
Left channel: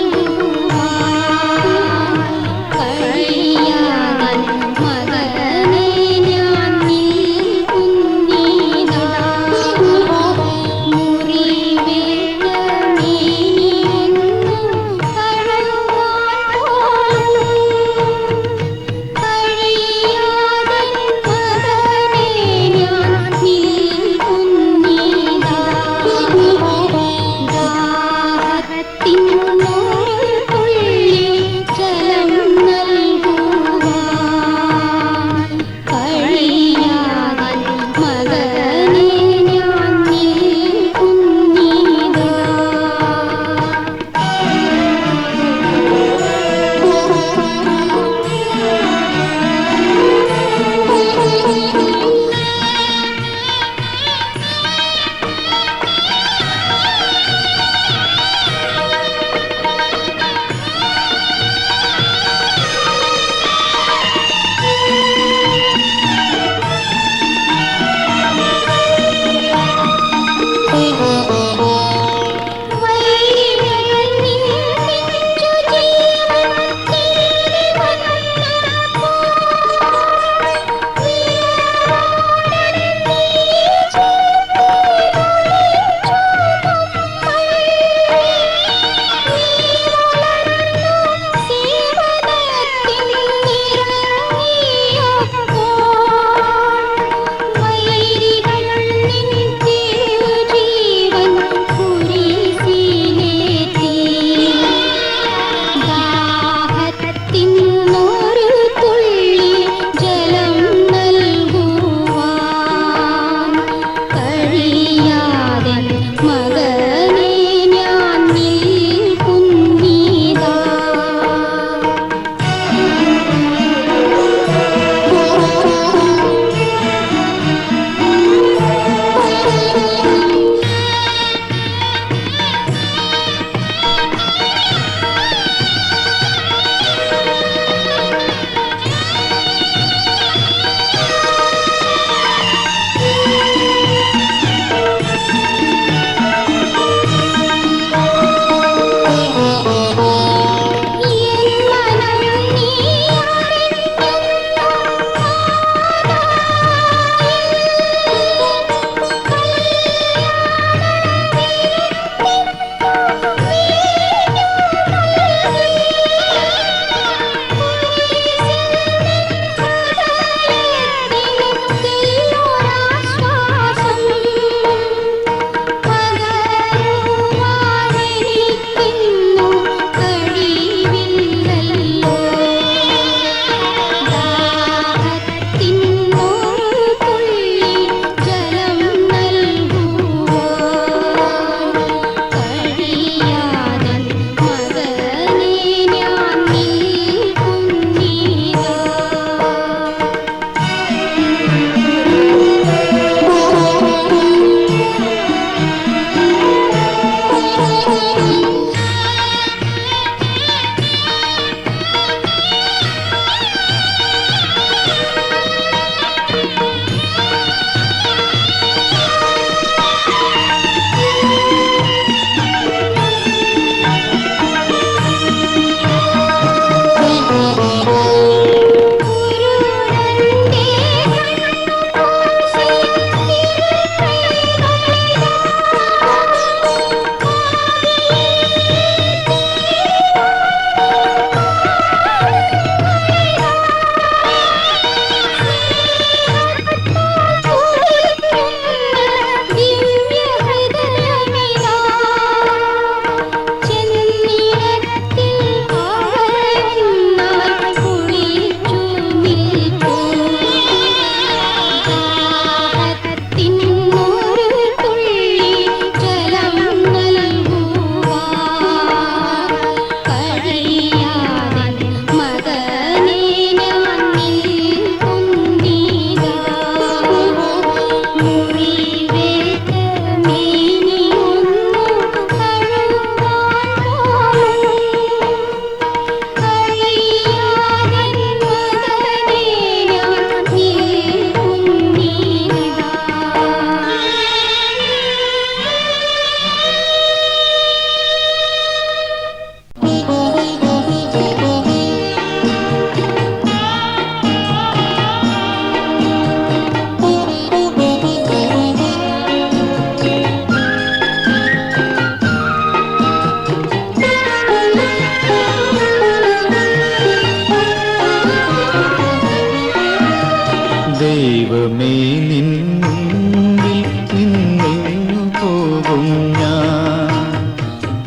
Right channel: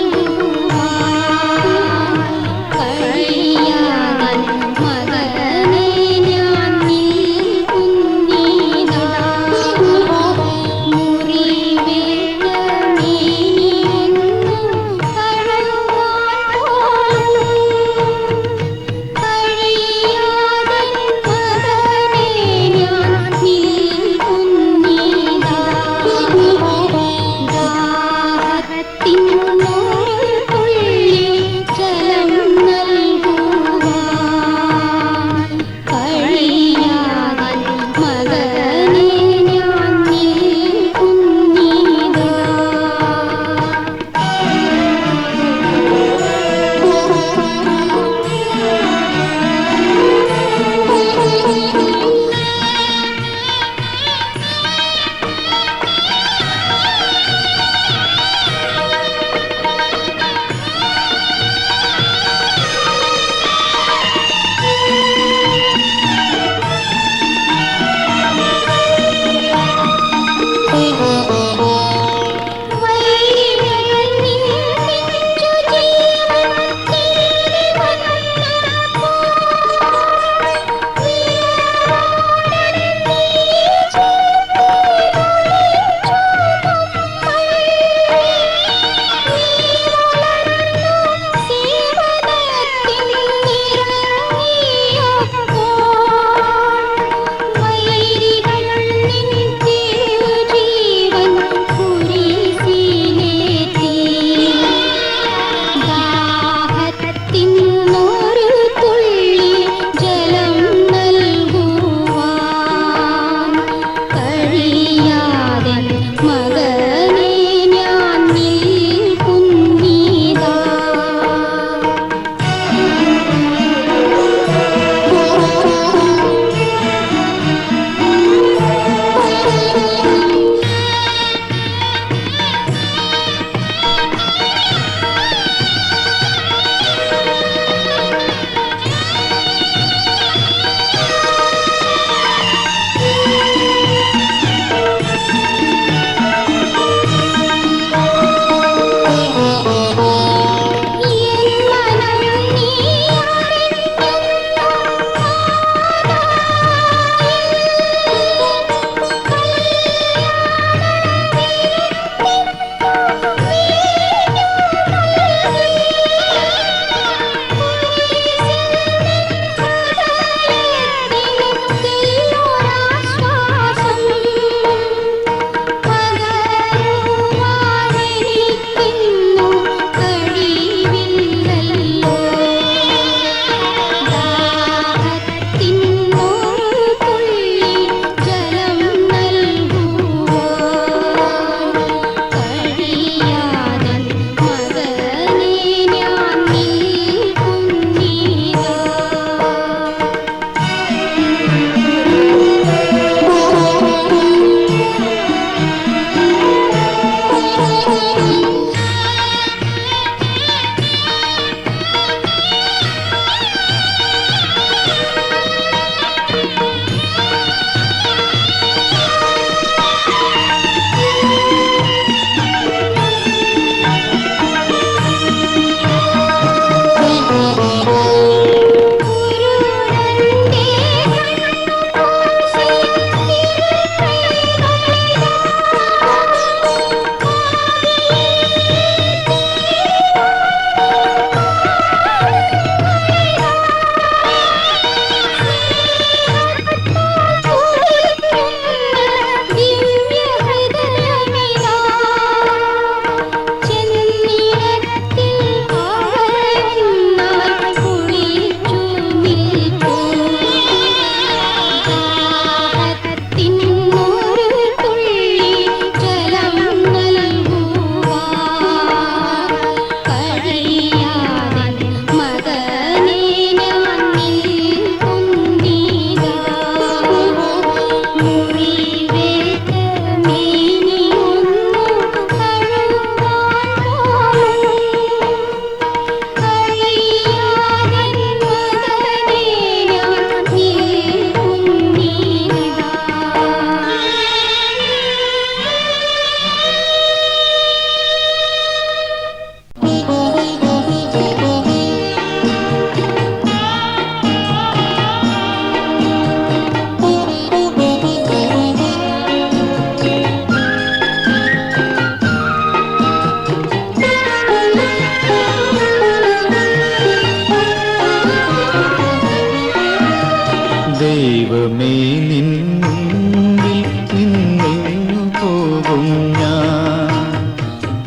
ദൈവമേ നിൻ മുൻപിൽ നിന്നെങ്ങു പോകും ഞാൻ,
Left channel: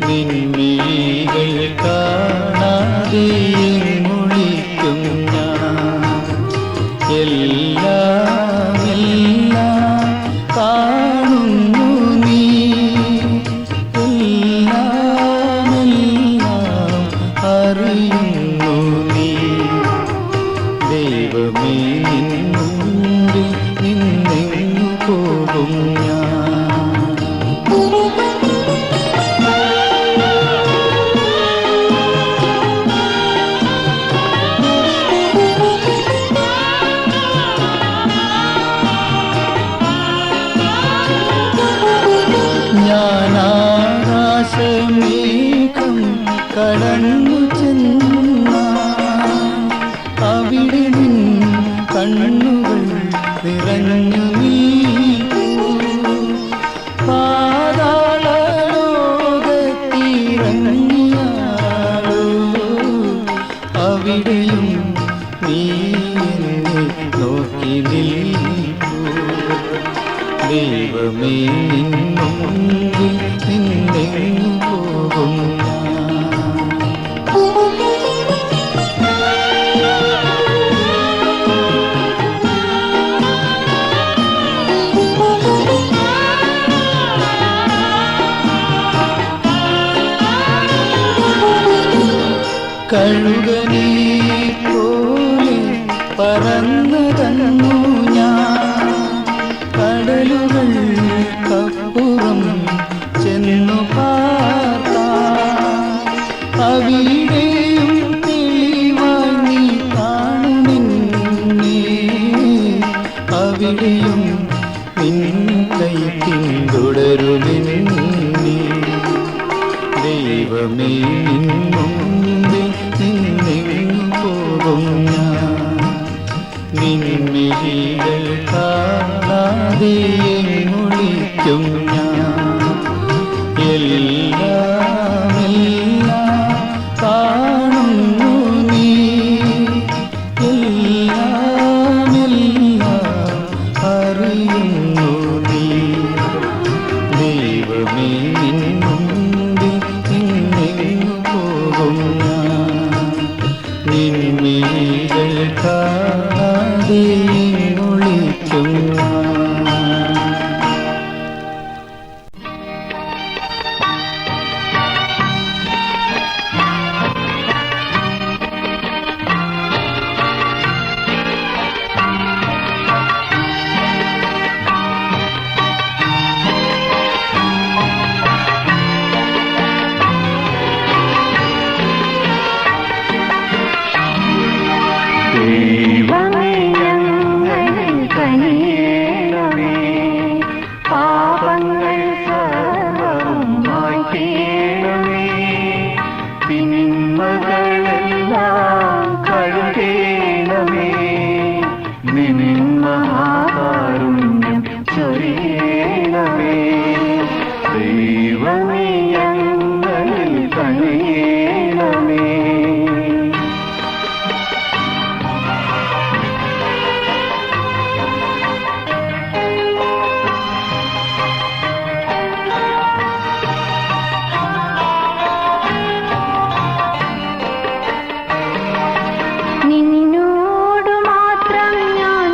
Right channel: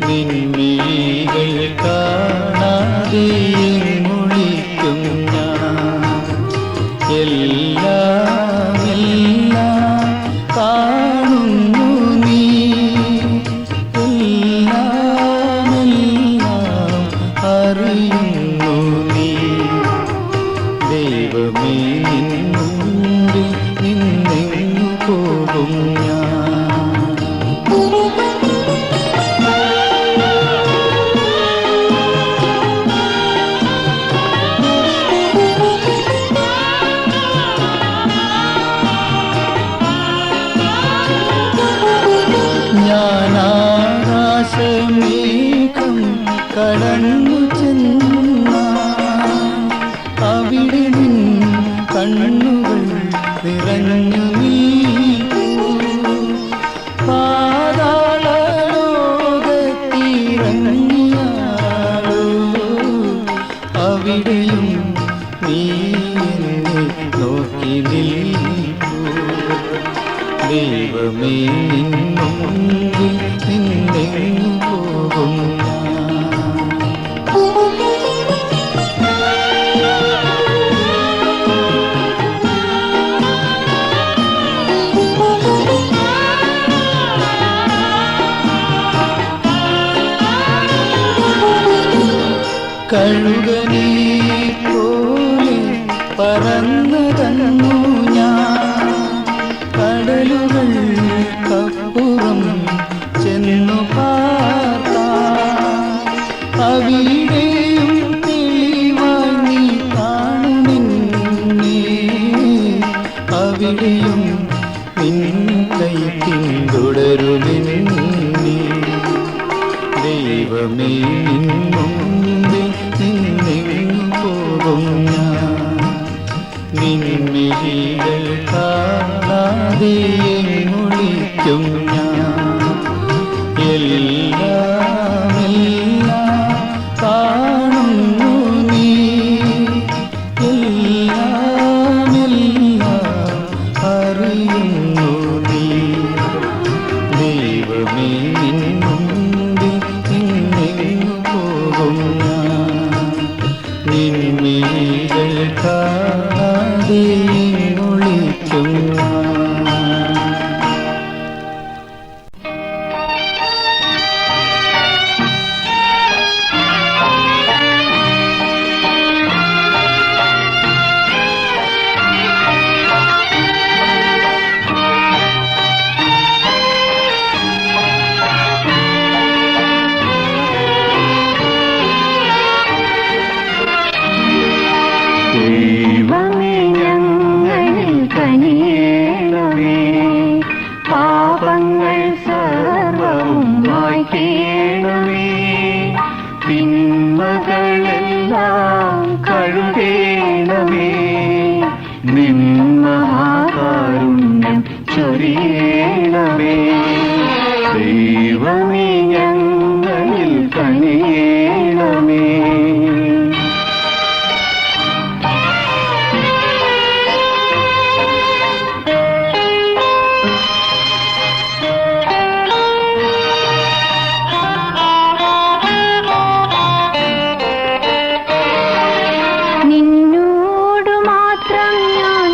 നിൻമിഴികൾ കാണാതെ എങ്ങൊളിക്കും ഞാൻ. എല്ലാം എല്ലാം കാണുന്നു നീ, എല്ലാം എല്ലാം അറിയുന്നു നീ. ദൈവമേ നിൻ മുൻപിൽ നിന്നെങ്ങു പോകും ഞാൻ. ഞാൻ ആകാശമേഘം കടന്നു ചെന്നാൽ അവിടെ നിൻ കണ്ണുകൾ നിറഞ്ഞു നീക്കൂ. പാതാളലോകത്തിറങ്ങിയാലോ അവിടെയും നീ എന്നെ നോക്കി നിൽക്കൂ. ദൈവമേ നിൻ മുൻപിൽ നിന്നെങ്ങു പോകും ഞാൻ. കഴുകനെ പോലെ പറന്നതന്നു ഞാൻ, കടലുകൾക്കപ്പുറം ചെന്നു പാർത്താം. അവിടെയും തെളിവായി നീ കാണുമെന്നെ, അവിടെയും നിൻ കൈ പിന്തുടരുമെന്നെ. ദൈവമേ നിൻ മുൻപിൽ നിന്നെങ്ങു പോകും ഞാൻ, നിൻമിഴികൾ കാണാതെ എങ്ങൊളിക്കും ഞാൻ. എല്ലാം എല്ലാം കാണുന്നു നീ, എല്ലാം എല്ലാം അറിയുന്നു നീ. ദൈവമേ നിൻ മുൻപിൽ നിന്നെങ്ങു പോകും ഞാൻ, നിൻമിഴികൾ കാണാതെ ഒളിക്കും ഞാൻ. ദൈവമേ ഞങ്ങളിൽ കനിയേണമേ, പാപങ്ങൾ സർവ്വവും മായ്ക്കേണമേ, തിന്മകളെല്ലാം കഴുകേണമേ, നിൻ മഹാകാരുണ്യം ചൊരിയേണമേ. ദൈവമേ ഞങ്ങളിൽ കനിയേണമേ. നിന്നോടു മാത്രം ഞാൻ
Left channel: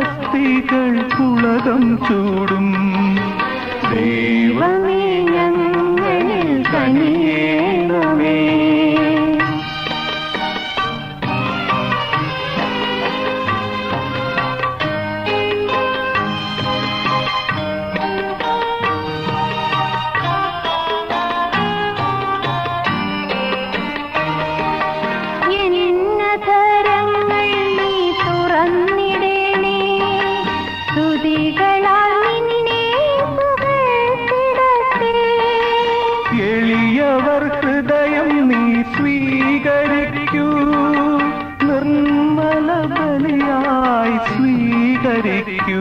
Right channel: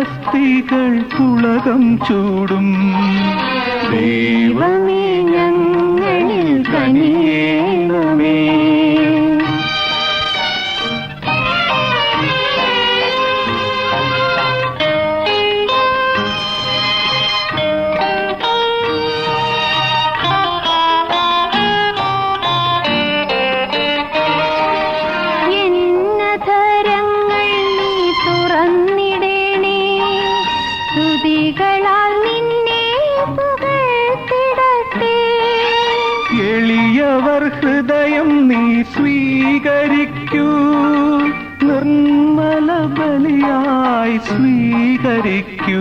അസ്ഥികൾ പുളകം ചൂടും ദൈവമേ ഞങ്ങളിൽ കനിയേണമേ. എളിയവർ ഹൃദയം നീ സ്വീകരിക്കൂ, നിർമ്മല ബലിയായി സ്വീകരിക്കൂ.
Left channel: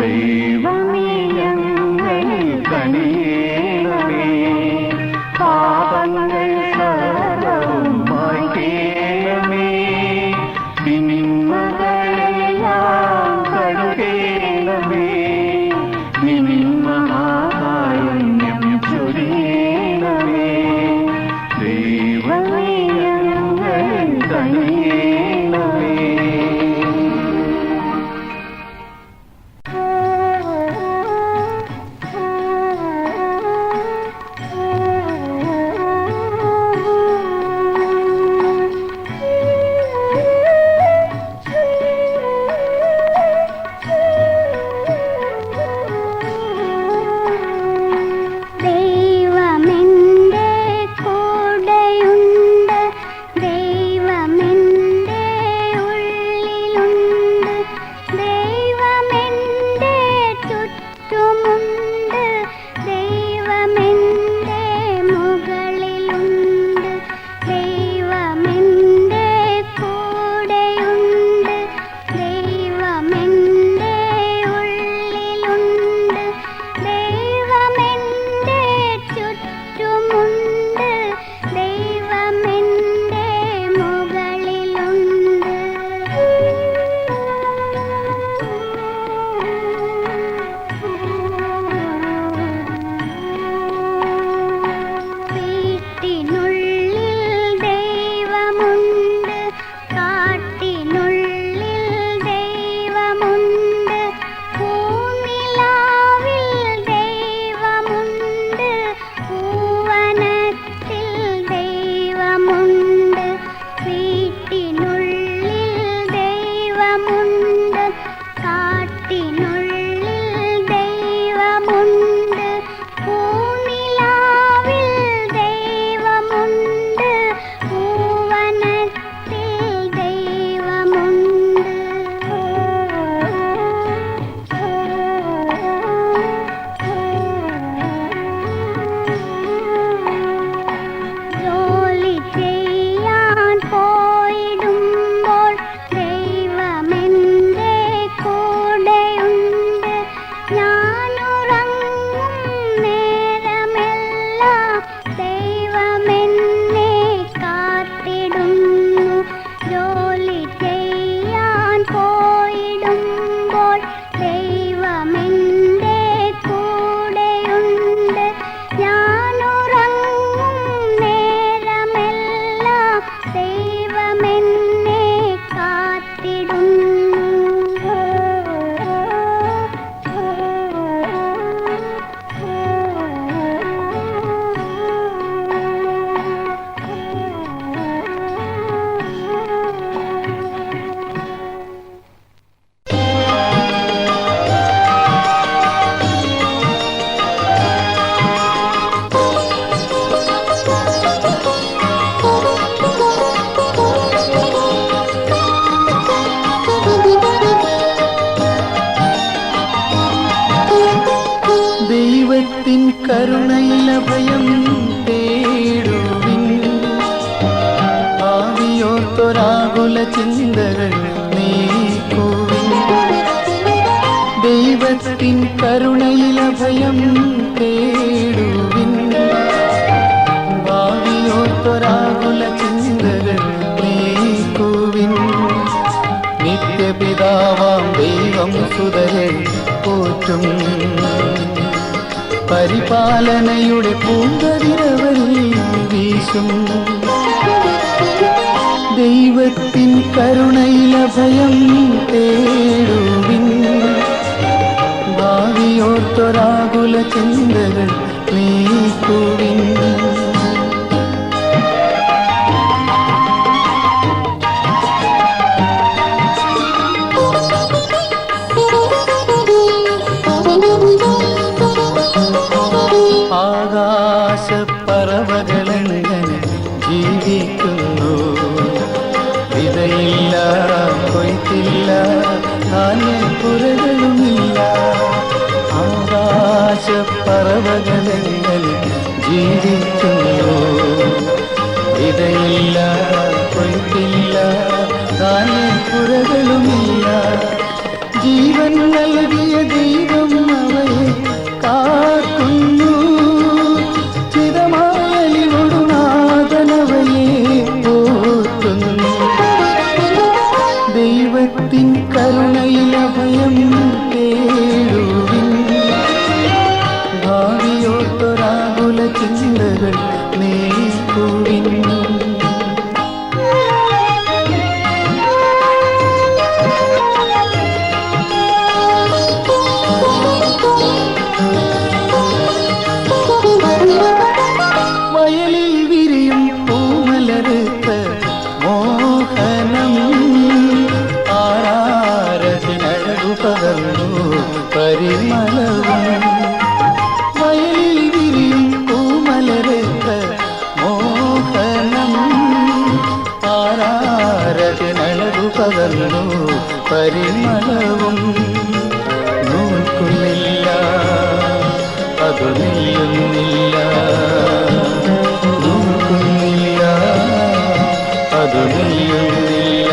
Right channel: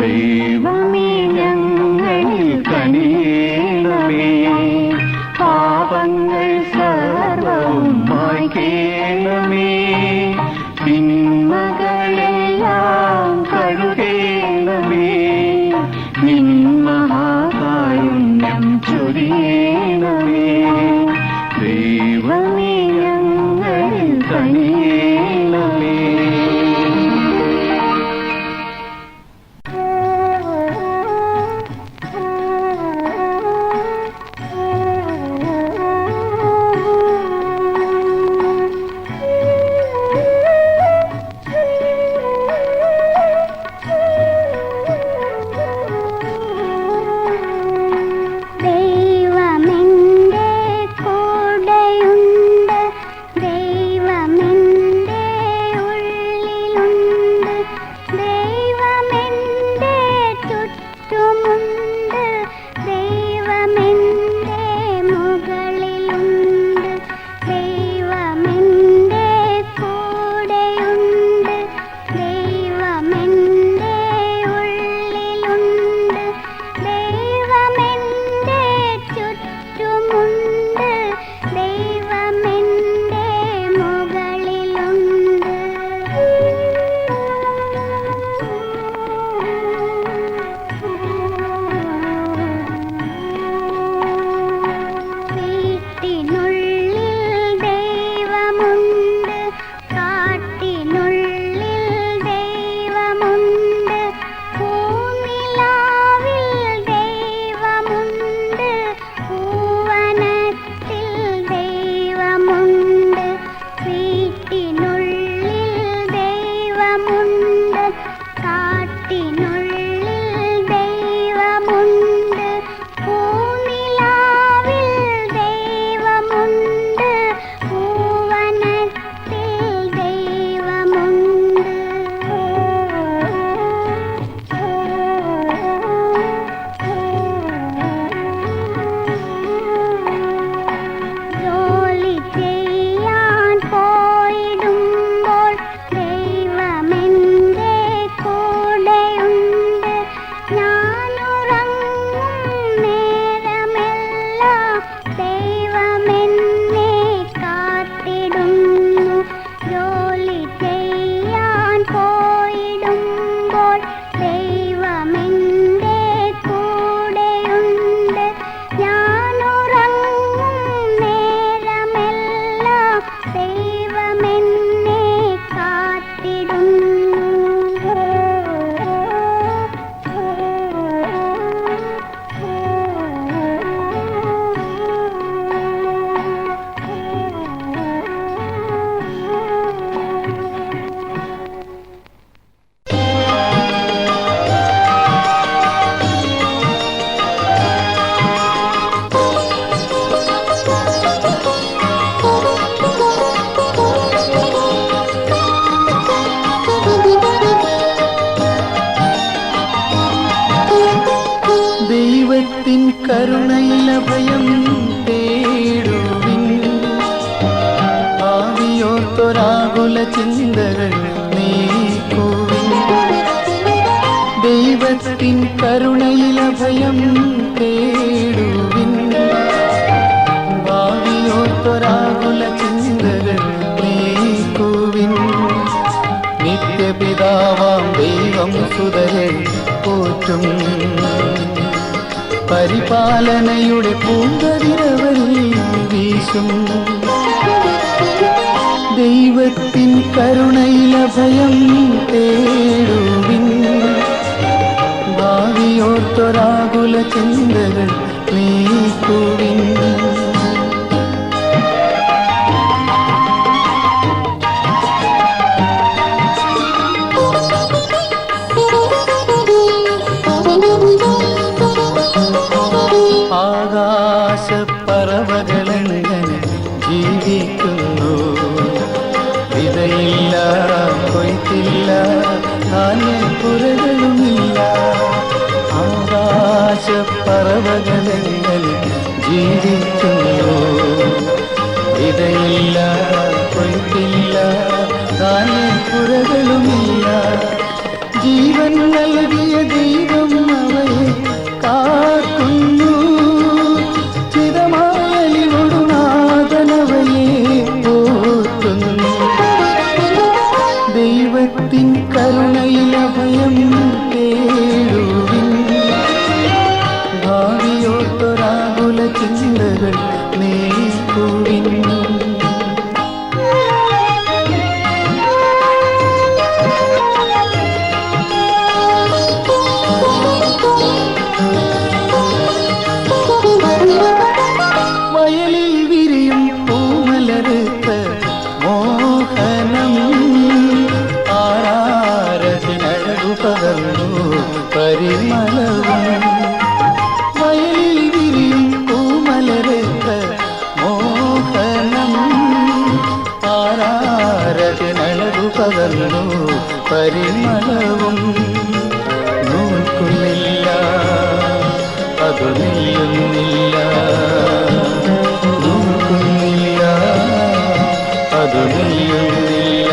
ദൈവമേ ഞങ്ങളിൽ കനിയേണമേ, പാപങ്ങൾ സർവ്വവും മായ്ക്കേണമേ, തിന്മകളെല്ലാം കഴുകേണമേ, നിൻ മഹാകാരുണ്യം ചൊരിയണമേ. ദൈവമേ ഞങ്ങളിൽ കനിയേണമേ. കരുണയിലഭയം തേടുവിൻ, ആവിയോർത്തൊരാകുല ചിന്തകൾ നീക്കുവിൻ. ദൈവത്തിൻ കരുണയിലഭയം തേടുവിൻ, ആവിയോർത്തൊരാകുല ചിന്തകൾ നീക്കുവിൻ. നിത്യപിതാവാം ദൈവം സുതരെ പോറ്റും, പരിപാലനയുടെ പൂങ്കതിരവരിൽ വീശും. ദൈവത്തിൻ കരുണയിലഭയം തേടും, ധാന്യപ്പുരകളുമില്ല. ആകാശപ്പറവകളെങ്കിൽ ജീവിക്കുന്നു. വിതയില്ല, കൊയ്ത്തില്ല, ധാന്യപ്പുരകളുമില്ല. ജീവൻ നൽകിയ ദൈവം അവയെ കാക്കുന്നു. ചിരമായലിനോടു നാഥനവയെ പോറ്റുന്നു. ദൈവത്തിൻ കരുണയിലഭയം തേടുവിൻ. ഭാവിയോർത്തൊരാകുല ചിന്തകൾ നീക്കുവിൻ. വയലിൽ വിരിയും പൂമലരുത്ത് മോഹനം ആരാരത്തിനഴകു പകർന്നു പരിമളവും. വയലിൽ വിരിയും പൂമലരുത്ത് മോഹനം ആരാരത്തിനഴകു പകർന്നു പരിമളവും. നോക്കുന്നില്ല, അതു നെയ്യുന്നില്ല. നോക്കുന്നില്ല, അതു നെയ്യുന്നില്ല.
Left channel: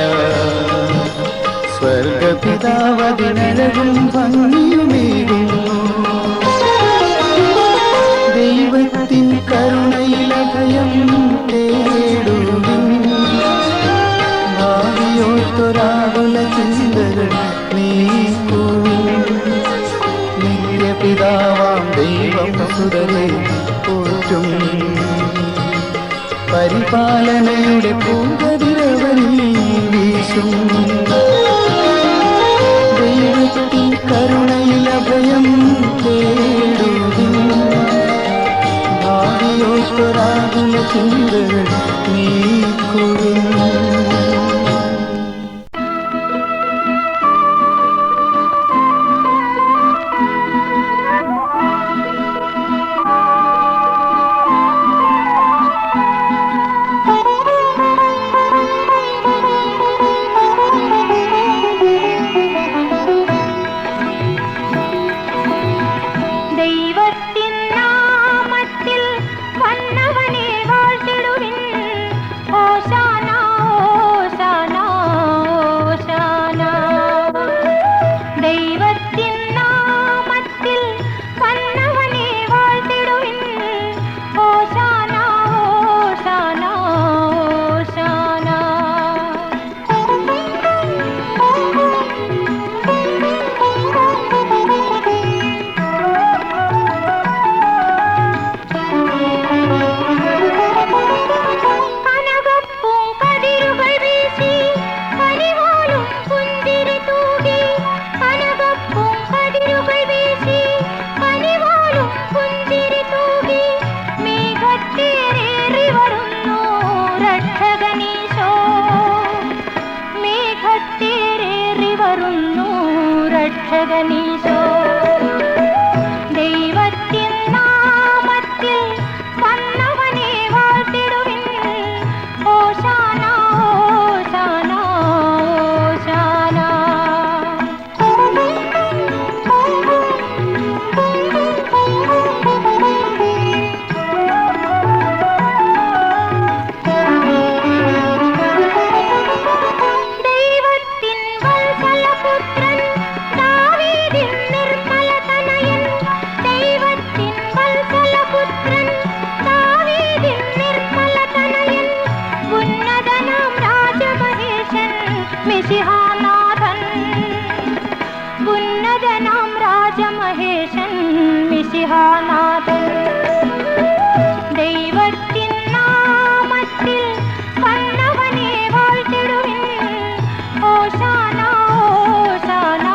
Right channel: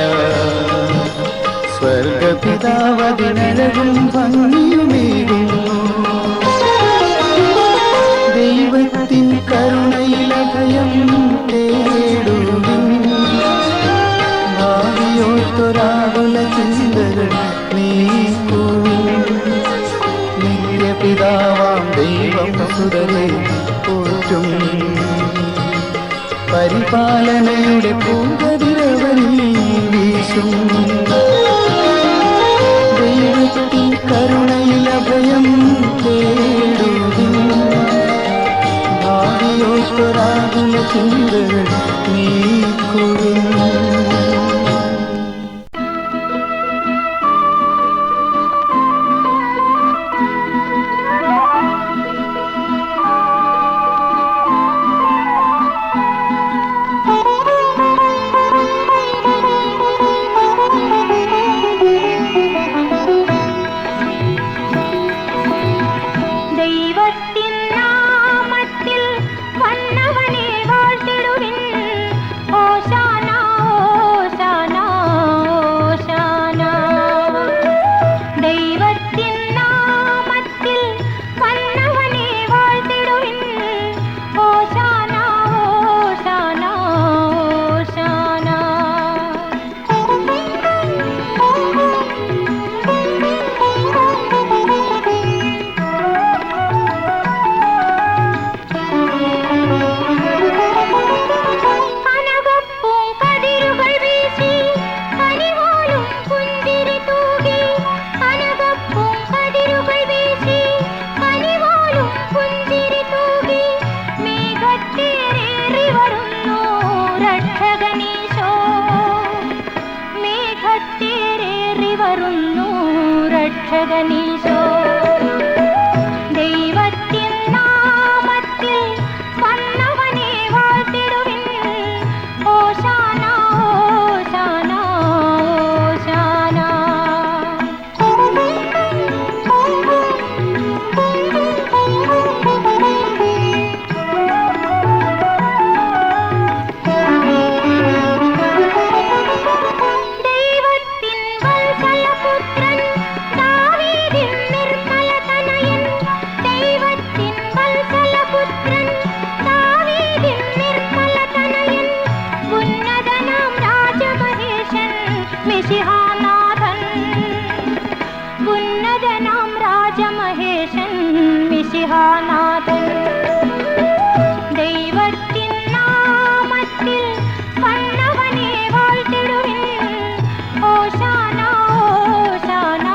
സ്വർഗപിതാവതിനഴകും ഭംഗിയുമേകുന്നു. ദൈവത്തിൻ കരുണയിലഭയം തേടുവിൻ. ഭാവിയോർത്തൊരാകുല ചിന്തകൾ നീക്കുവിൻ. നിത്യപിതാവാം ദൈവം സുതരെ പോറ്റും. പരിപാലനയുടെ പൂങ്കതിരവനിൽ വീശും. ദൈവത്തിൻ കരുണയിലഭയം തേടുവിൻ. ഭാവിയോർത്തൊരാകുല ചിന്തകൾ നീക്കുവിൻ. ദൈവത്തിൻ നാമത്തിൽ വന്നവനെ വാഴ്ത്തിടുവിൻ. ഹോശാന, ഹോശാന, ഹോശാന. ദൈവത്തിൻ നാമത്തിൽ വന്നവനെ വാഴ്ത്തിടുവിൻ. ഹോശാന, ഹോശാന, ഹോശാന. കനകപ്പൂം കതിരുകൾ വീശി കനിവാലും പുഞ്ചിരി തൂകി. കനകപ്പൂം കതിരുകൾ വീശി കനിവാലും പുഞ്ചിരി തൂകി. മേഘത്തേറേറി വരുന്നു രക്ഷകനീശോ. മേഘത്തേറേറി വരുന്നു രക്ഷകനീശോ. ദൈവത്തിൻ നാമത്തിൽ വന്നവനെ വാഴ്ത്തിടുവിൻ. ഹോശാന, ഹോശാന, ഹോശാന. ദൈവത്തിൻ വത്സലപുത്രൻ ദാവീദിൻ നിർമ്മലതനയൻ. ദൈവത്തിൻ വത്സലപുത്രൻ ദാവീദിൻ നിർമ്മലതനയൻ. ഉന്നതനാം രാജമഹേശൻ മിശിഹാനാഥൻ. ഉന്നതനാം രാജമഹേശൻ മിശിഹാനാഥൻ. ദൈവത്തിൻ നാമത്തിൽ വന്നവനെ വാഴ്ത്തിടുവിൻ. ഹോശാന, ഹോശാന,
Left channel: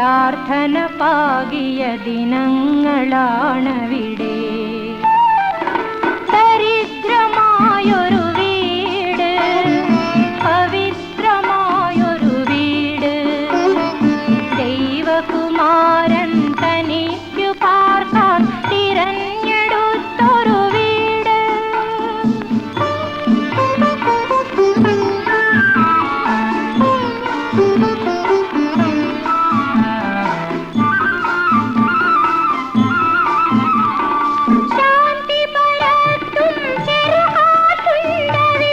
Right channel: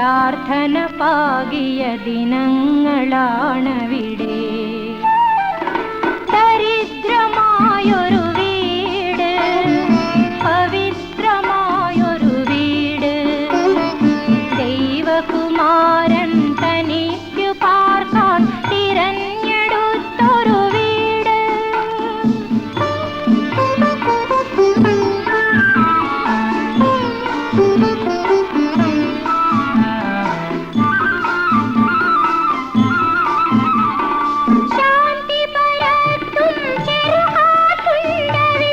പ്രാർത്ഥന പാകിയ ദിനങ്ങളാണവിടെ. ദരിദ്രമായൊരു വീട്, പവിത്രമായൊരു വീട്, ദൈവകുമാരൻ തനിക്കു പാർക്കാൻ തിരഞ്ഞെടുത്തൊരു വീട്. ശാന്തി പരത്തും ചെറുഹാത്തുണ്ടവിടെ,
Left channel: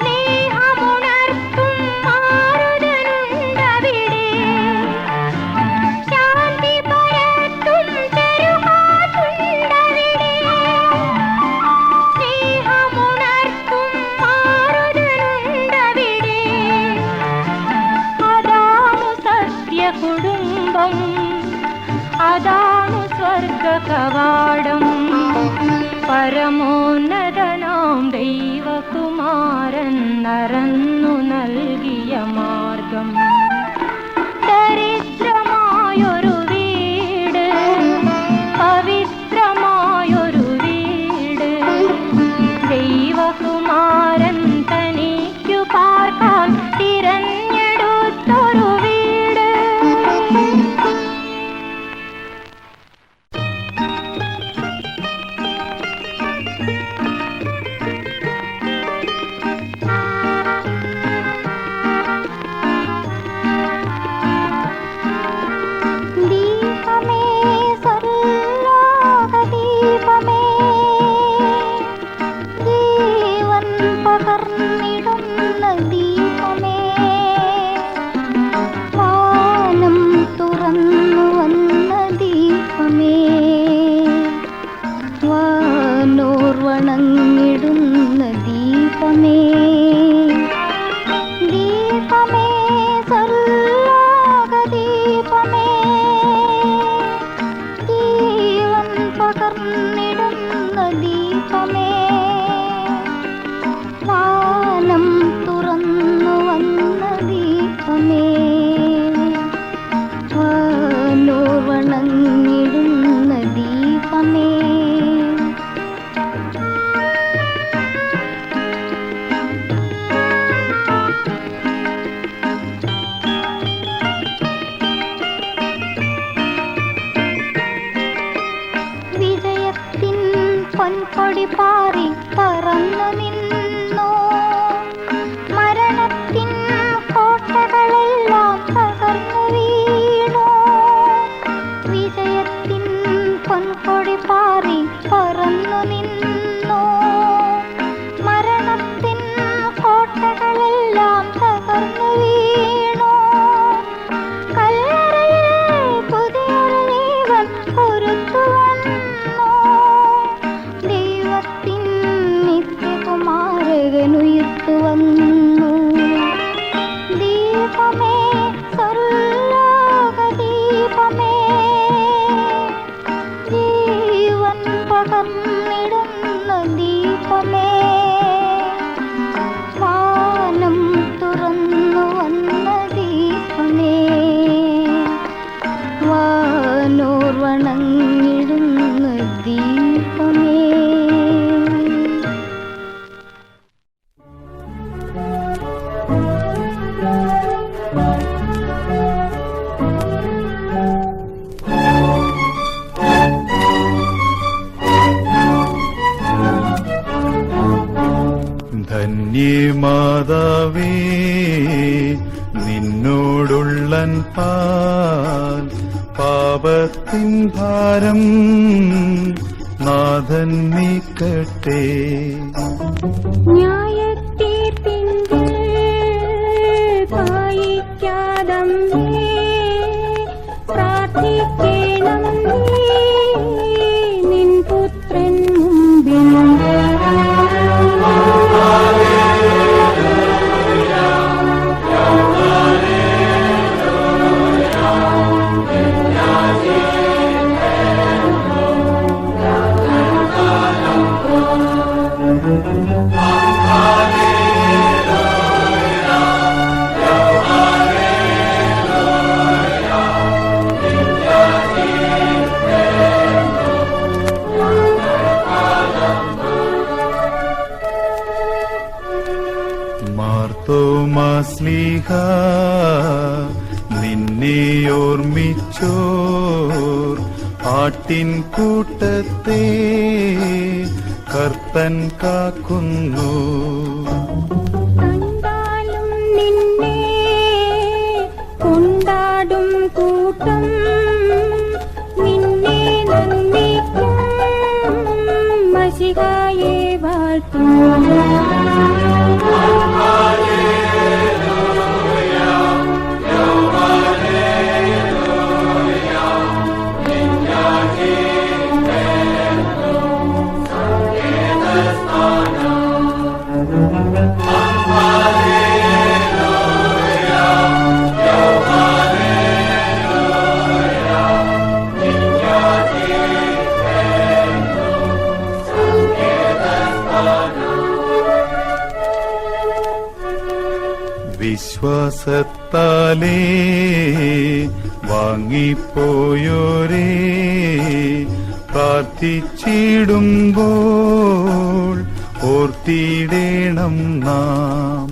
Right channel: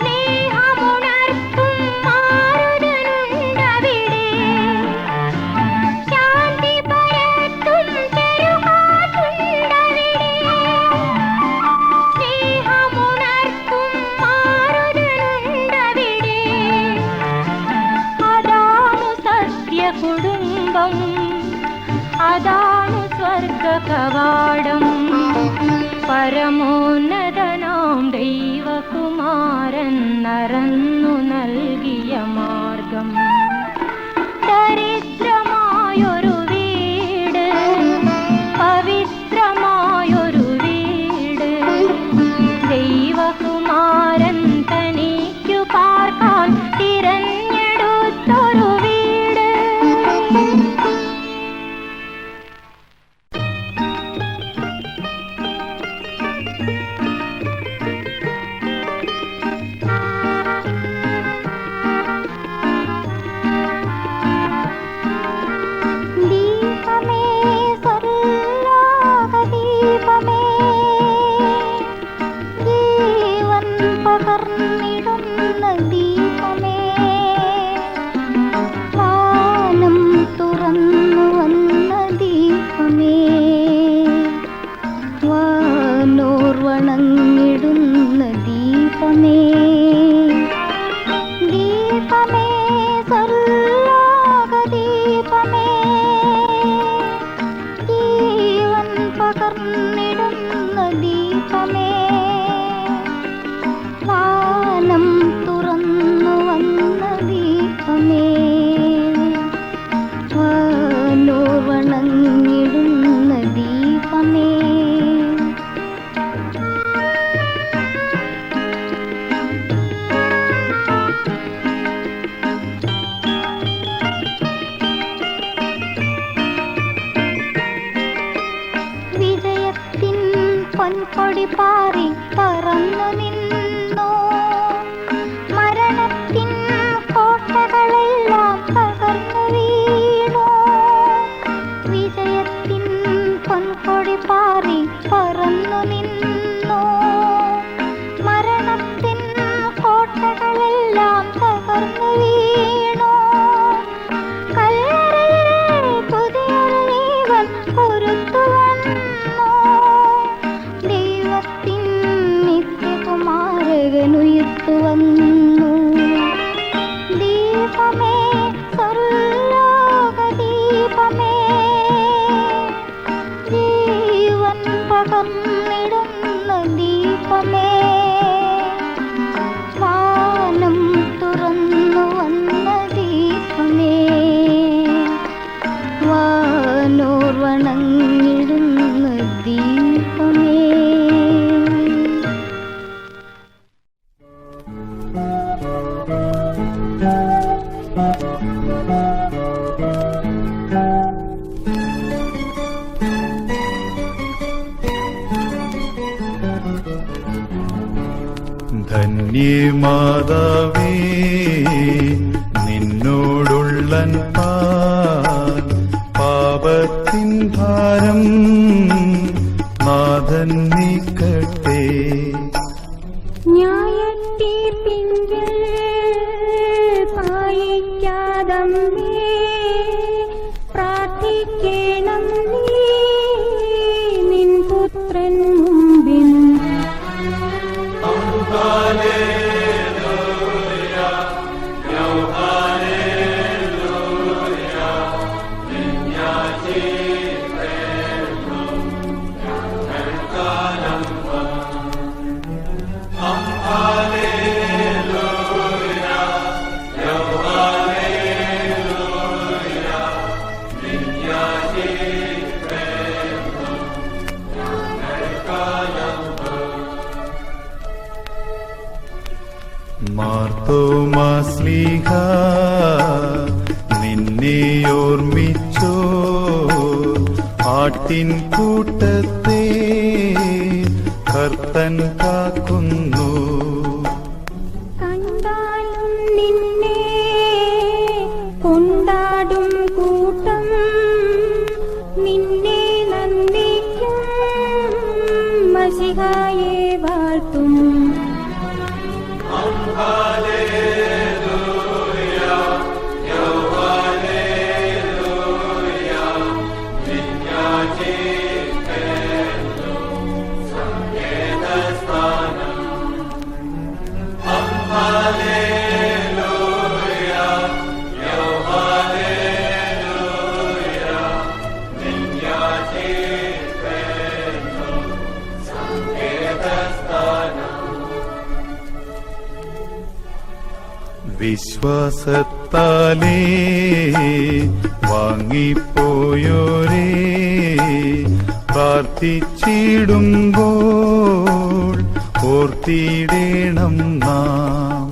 സ്നേഹമുണർത്തും മാരുതനുണ്ടവിടെ. ശാന്തി പരത്തും ചെറുഹാത്തുണ്ടവിടെ, സ്നേഹമുണർത്തും മാരുതനുണ്ടവിടെ. അതാണു സത്യകുടുംബം, അതാണു സ്വർഗ കവാടം. പരമോന്നതനാം ദൈവകുമാരൻ നരന്നു നൽകിയ മാർഗം. ദരിദ്രമായൊരു വീട്, പവിത്രമായൊരു വീട്, ദൈവകുമാരൻ തനിക്കു പാർക്കാൻ തിരഞ്ഞെടുത്തൊരു വീട്. ദീപമേ സർവ്വദീപമേ, ജീവൻ പകർന്നിടുന്ന ദീപമേ, വാനം തുറന്നു വന്ന ദീപമേ, വാനോർ വണങ്ങിടുന്ന ദീപമേ, ദീപമേ സർവ്വദീപമേ, ജീവൻ പകർന്നിടുന്ന ദീപമേ, വാനം തുറന്നു വന്ന ദീപമേ, വാനോർ വണങ്ങിടുന്ന ദീപമേ. വിജയത്തിൻ പൊൻകൊടി പാറി പറന്നു നിന്നു, മരണത്തിൻ കോട്ടകളെല്ലാം തകർന്നു വീണു. വിജയത്തിൻ പൊൻകൊടി പാറി പറന്നു നിന്നു, മരണത്തിൻ കോട്ടകളെല്ലാം തകർന്നു വീണു. കല്ലറയിൽ പുതിയൊരു ജീവൻ പൊരുത്തു വന്നു, ദൈവത്തിൻ നിത്യകുമാരനുയർത്തു വന്നു. ദീപമേ സർവ്വദീപമേ, ജീവൻ പകർന്നിടുന്ന ദീപമേ, വാനം തുറന്നു വന്ന ദീപമേ, വാനോർ വണങ്ങിടുന്ന ദീപമേ. ധന്യേ മാതാവേ നിന്നോടുള്ളൻ പാൽ, പാപത്തിൻ ഭാരം നാഥൻ നീക്കട്ടെ. ന്യായത്തീർപ്പിങ്കിൽ പായിക്കാതമ്മേ, പ്രാർത്ഥിക്കണം നീ നിൻ പുത്രൻ മുമ്പിൽ. ശ്ലീഹ നിന്നെ ഓർമ്മിച്ചോ ആട്ടിൻ കൂട്ടത്തെ കർത്തൻ കാക്കുന്നു. കണ്ടാലും നിന്നെ കൊണ്ടാടും കൂട്ടം നിന്നെ നന്ദിക്കും മശിഹായെ വാഴ്ത്തും. വിശ്വാസത്താലേ വാങ്ങിപ്പോയോരേ പ്രാർത്ഥിച്ചിടുമ്പോൾ ഓർത്തിടേണം നാം.